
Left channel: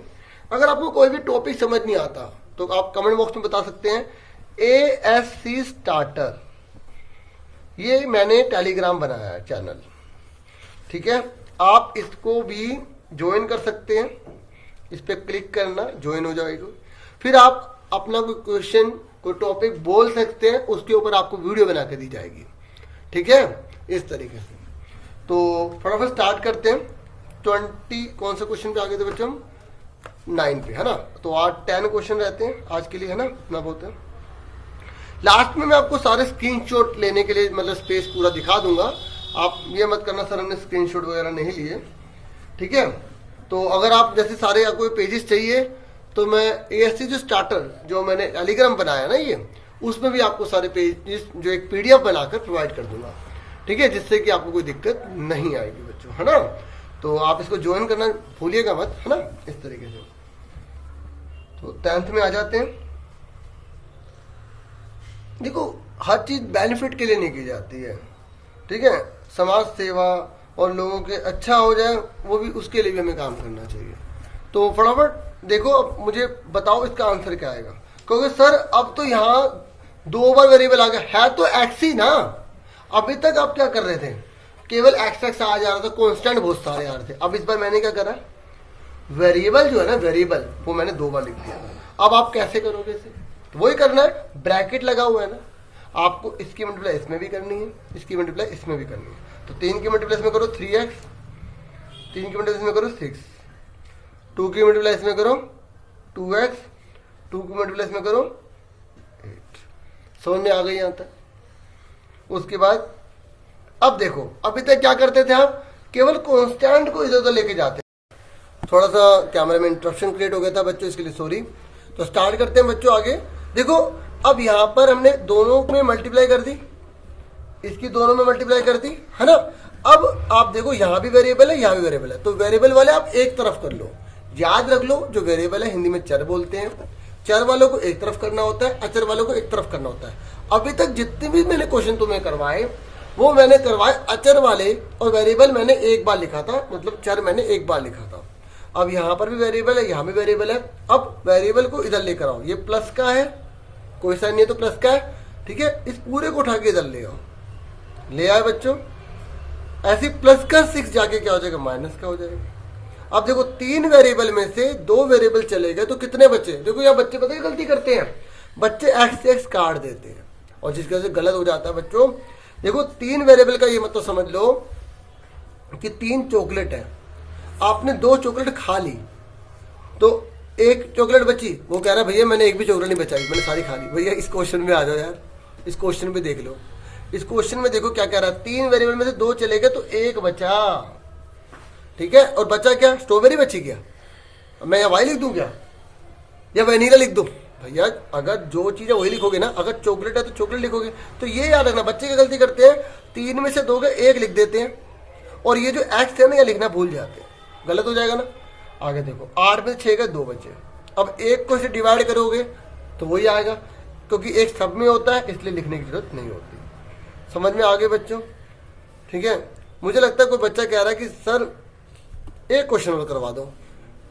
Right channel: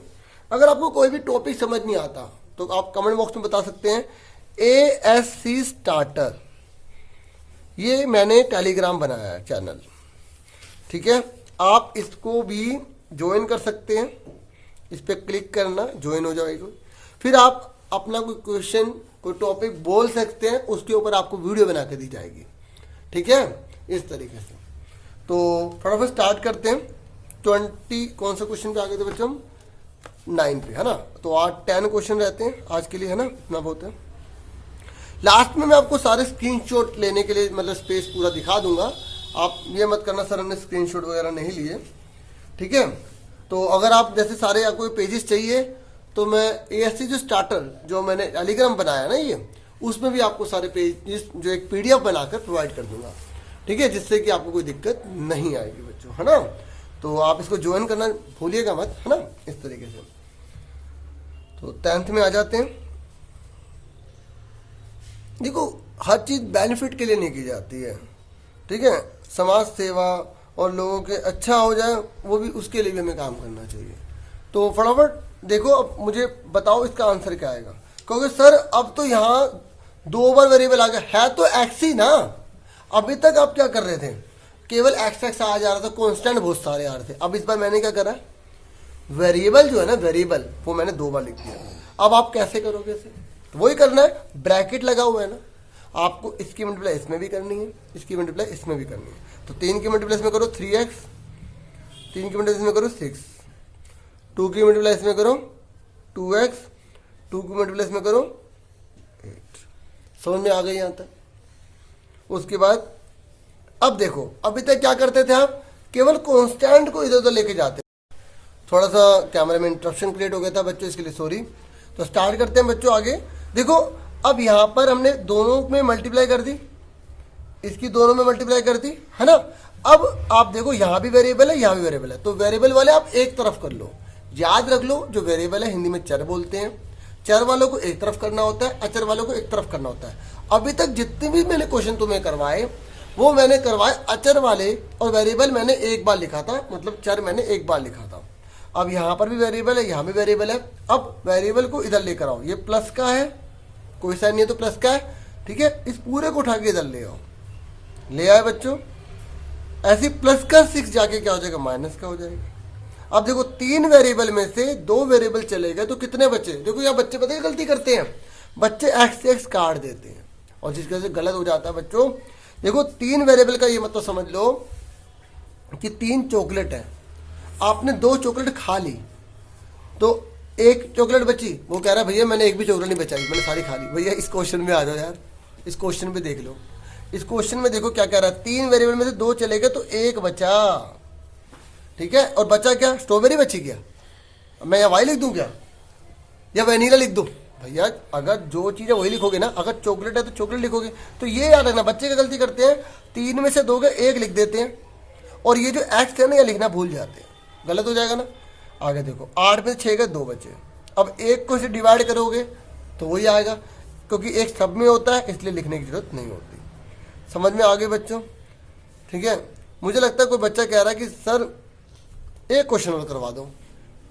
अगर आपको कोई भी टॉपिक समझ नहीं आता तो आप कमेंट बॉक्स में बता सकते हैं। ASC स्टार्टर, ये मैंने टेलीग्राम बनाया है चैनल, ठीक है, आप इसको भी ज्वाइन कर सकते हैं, इस पर क्लिक करना, ज्वाइन हो जाएगा। फिर आप अपना कोई क्वेश्चन, कोई टॉपिक बोल सकते हैं, उसके ऊपर आपको वीडियो बना के दी जाएगी, ठीक है, इस तरीके से। तो फटाफट स्टार्ट करते हैं। 20 कौन से क्वेश्चन पे आ गए थे बच्चों, 9 पे, है ना। तो आज 10 क्वेश्चन रहते हैं आज के लिए, है ना, इतना बहुत है। लास्ट में मैं आपको सारे स्क्रीनशॉट लेने के लिए, मतलब स्पेस पूरा दिखा दूंगा, आप ये मत करना सर हमने स्क्रीनशॉट वगैरह नहीं लिए, ठीक है। तो अगर आप जैसे सारे आपको पेजेस चाहिए, तो मैं ASC जो स्टार्टर जो मैंने टेलीग्राम बनाया ना, ये उसमें भी आपको सारे पेजेस जो एक PDF बनाकर प्रोवाइड कर दूंगा, ठीक है, जिससे कि आपको कोई दिक्कत नहीं आएगी बच्चों, है ना। तो आप इसको ज्वाइन करना भूलिएगा मत, है ना, इस तरीके से। तो 10th में आ जाते हैं। देखो हर चीज बेनिफिट के लिए नहीं की जाती है, ठीक है, समाज सेवा और लोगों के अच्छा हो जाए, वो भी उसके लिए भी हमें काम करना चाहिए। तो फटाफट देखो, अब मुझे बताओ इसका आंसर क्या आएगा, क्योंकि सर अब तो यहाँ 2 बार वेरिएबल आ गया है, तो एक्स ही ना, अभी तक आप क्या कर रहे थे, केवल एक्स आ जा रहा था, कांस्टेंट बहुत सारे आ रहे थे। अब इस बार मैंने क्या करा, वेरिएबल जो है ना, वेरिएबल वो मैंने 2 बार लिख दिया। अब आप कैसे करोगे इसे, तो वही करना है, ब्रैकेट लगा हुआ है ना, आपको इसकी मल्टीप्लाई इसमें भी करनी है, इसकी मल्टीप्लाई इसमें भी करनी है। तो 3 की मल्टीप्लाई इसमें करो 3x, 3 की मल्टीप्लाई इसमें करो 6, 2 की मल्टीप्लाई इसमें करो 2x, 2 की मल्टीप्लाई इसमें करो 8। समझ में आ गई यहाँ तक। उसके बाद अब देखो, अभी तक क्या करते थे आप, केवल कांस्टेंट को इधर उधर लेके जाते। थोड़ा सा कैमरा में इंटरप्शन क्रिएट हो गया था बच्चों, इसके लिए सॉरी। तो स्टार्ट करते हैं बच्चों आगे। देखो अब यहाँ पर हमने दोनों में मल्टीप्लाई कर दी, इसकी दोनों में मल्टीप्लाई कर दी, है ना। अब आप देखो यहाँ भी वेरिएबल है, यहाँ भी वेरिएबल है, तो वेरिएबल वाले आप एक तरफ कर लो। याद रख लो, जो वेरिएबल है हिंदी में चर बोलते हैं, चर वालों को एक तरफ करना होता है, अचर वालों को एक तरफ करना होता है। अभी तक जितने भी मैंने क्वेश्चन तुम्हें करवाए, वो मैंने करवाए अचर वाले, और वेरिएबल मैंने एक बार लिखा था, मतलब चर मैंने एक बार लिखा था। अब यहाँ पर भी वेरिएबल है, यहाँ भी वेरिएबल है। अब वेरिएबल को इधर लेकर आओ, ये प्लस का है, कोई साइन नहीं है तो प्लस का है, ठीक है। इस पूरे को उठा के इधर ले आओ, ले आए बच्चों। ऐसे प्लस का 6 जाके क्या हो जाएगा, माइनस का हो जाएगा। अब देखो 3 वेरिएबल में से 2 वेरिएबल चले गए, तो कितने बचे। देखो यहाँ बच्चे पता है गलती करते हैं, बच्चे एक्स एक्स काट देते हैं, और जिसकी वजह से गलत हो जाता है बच्चों। देखो 3 वेरिएबल का ये मतलब समझ लो, कि 3 चॉकलेट है, आपने 2 चॉकलेट खा ली, तो एक चॉकलेट बची, वो कह रहा भैया मैंने एक भी चॉकलेट नहीं बचाई, मैंने सारी खा ली। भैया इस क्वेश्चन में आ जाओ यार, इस क्वेश्चन पे देख लो, इस क्वेश्चन में देखो क्या कह रहा है, 3 वेरिएबल में से 2 चले गए तो 1 बचा, ठीक है। और बचा क्या, स्ट्रॉबेरी बची क्या, मैं यहाँ वाई लिख दूं क्या, या वैनिला लिख दूं? भैया अगर जो चीज़ है वही लिखोगे ना, अगर चॉकलेट है तो चॉकलेट लिखोगे। तो ये याद रखना, बच्चे क्या गलती करते हैं, 3 में से 2 का 1 लिख देते हैं, और ये जो एक्स है ना ये लिखना भूल जाते हैं, गलत हो जाएगा ना। आगे देखो, 8 में से 6 का 2 बचे, अब 1 को से डिवाइड करोगे तो वही आएगा, क्योंकि 1 सब में होता है इसलिए लिखने की जरूरत नहीं होती। समझ में आ गए बच्चों, ठीक है। मुझे लगता है कोई बच्चा कह रहा है कि सर एक क्वेश्चन और करवा दो।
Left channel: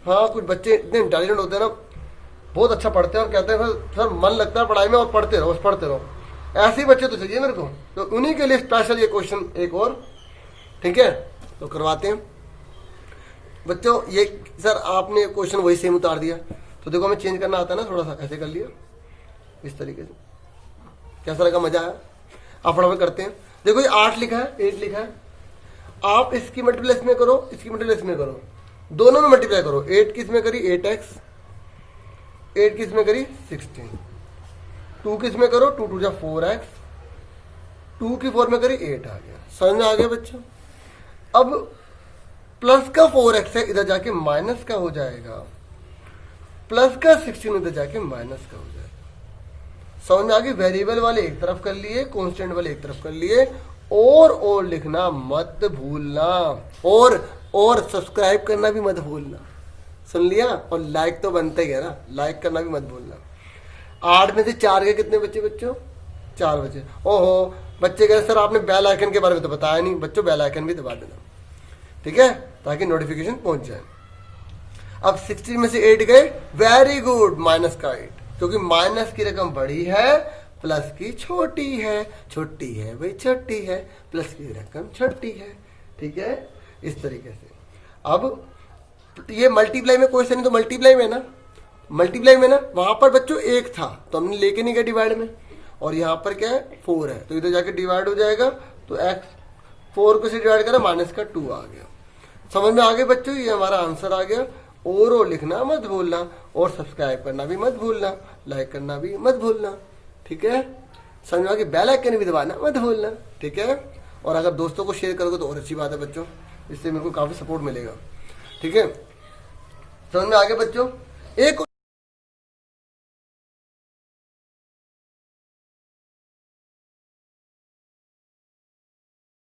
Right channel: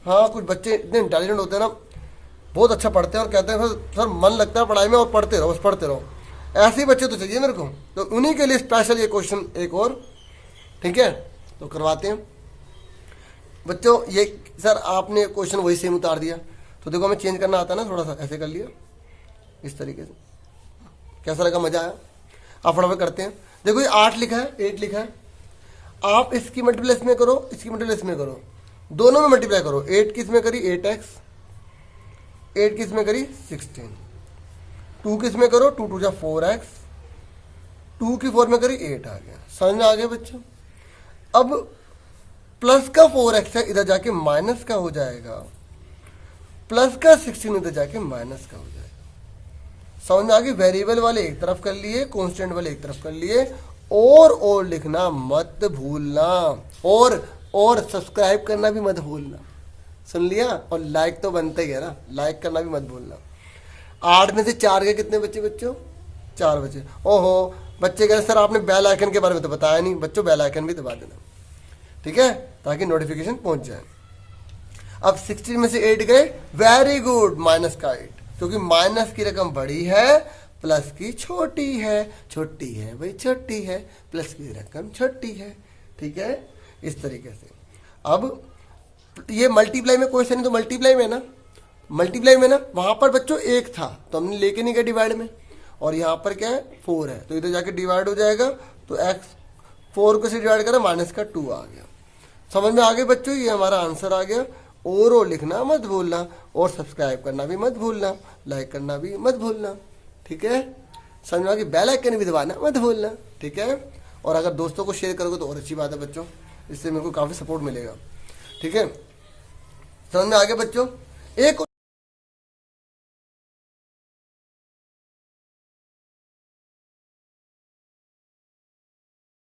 हाँ, कुछ बच्चे इतने इंटेलिजेंट होते हैं ना, बहुत अच्छा पढ़ते हैं और कहते हैं सर मन लगता है पढ़ाई में और पढ़ते रहो, पढ़ते रहो। ऐसे ही बच्चे तो चाहिए मेरे को, तो उन्हीं के लिए स्पेशल ये क्वेश्चन एक और, ठीक है, तो करवाते हैं बच्चों। ये सर आपने क्वेश्चन वही सेम उतार दिया, तो देखो हमें चेंज करना आता है ना, थोड़ा सा ऐसे कर लिया इस तरीके से, कैसा लगा, मजा आया? अब फटाफट करते हैं। देखो ये 8 लिखा है, 8 लिखा है, आप इसकी मल्टीप्लाई इसमें करो, इसकी मल्टीप्लाई इसमें करो, दोनों में मल्टीप्लाई करो। 8 किस में करी 8x, 8 किस में करी 16, 2 किस में करो 2 2 4x, 2 की 4 में करी 8 आ गया। समझ में आ गया बच्चों? अब प्लस का 4x है, इधर जाके माइनस का हो जाएगा, प्लस का 16 इधर जाके माइनस का हो जाएगा। समझ में आ गई? वेरिएबल वाले एक तरफ कर लिए, कांस्टेंट वाले एक तरफ कर लिए, और लिखना मत भूलना, और सब्सक्राइब करना भी मत भूलना, सुन लिया? और लाइक तो बनते ही है ना, लाइक करना भी मत भूलना। 8 में से 4 के कितने बच्चे बच्चों? 4 बचे। ओहो, बच्चे कह रहे सर आपने बेल आइकन के बारे में तो बताया नहीं। बच्चों बेल आइकन भी दबा देना, ठीक है, ताकि नोटिफिकेशन पहुंच जाए। अब 16 में से 8 गए, वेरी गुड, माइनस का 8, क्योंकि माइनस की रकम बड़ी है, प्लस की छोटी है, छोटी है भाई छोटी है, प्लस की रकम छोटी है, ठीक है, इस तरीके से। अब ये मल्टीप्लाई में क्वेश्चन है, तो मल्टीप्लाई में ना, मल्टीप्लाई में ना वहां पर बच्चों 1 था तो हमने लेके नहीं गया डिवाइड में, और यहाँ पर क्या है 4 है, तो इधर जाके डिवाइड हो जाएगा, तो x 4 को से डिवाइड करा, माइनस का 2 आ गया। समझ में आ गए बच्चों? ये हमारा आंसर आ गया। और लिखना मत भूलना, और सब्सक्राइब करना भी मत भूलना, लाइक करना भी मत भूलना, ठीक है। समझ में आ गई? बेल आइकन भी दबाना मत भूलना, ठीक है। और अगर दोस्तों को शेयर करोगे तो और अच्छी बात है बच्चों, इससे मेरे को काफी सपोर्ट मिलेगा, ठीक है। समझ में आ गया बच्चों? एक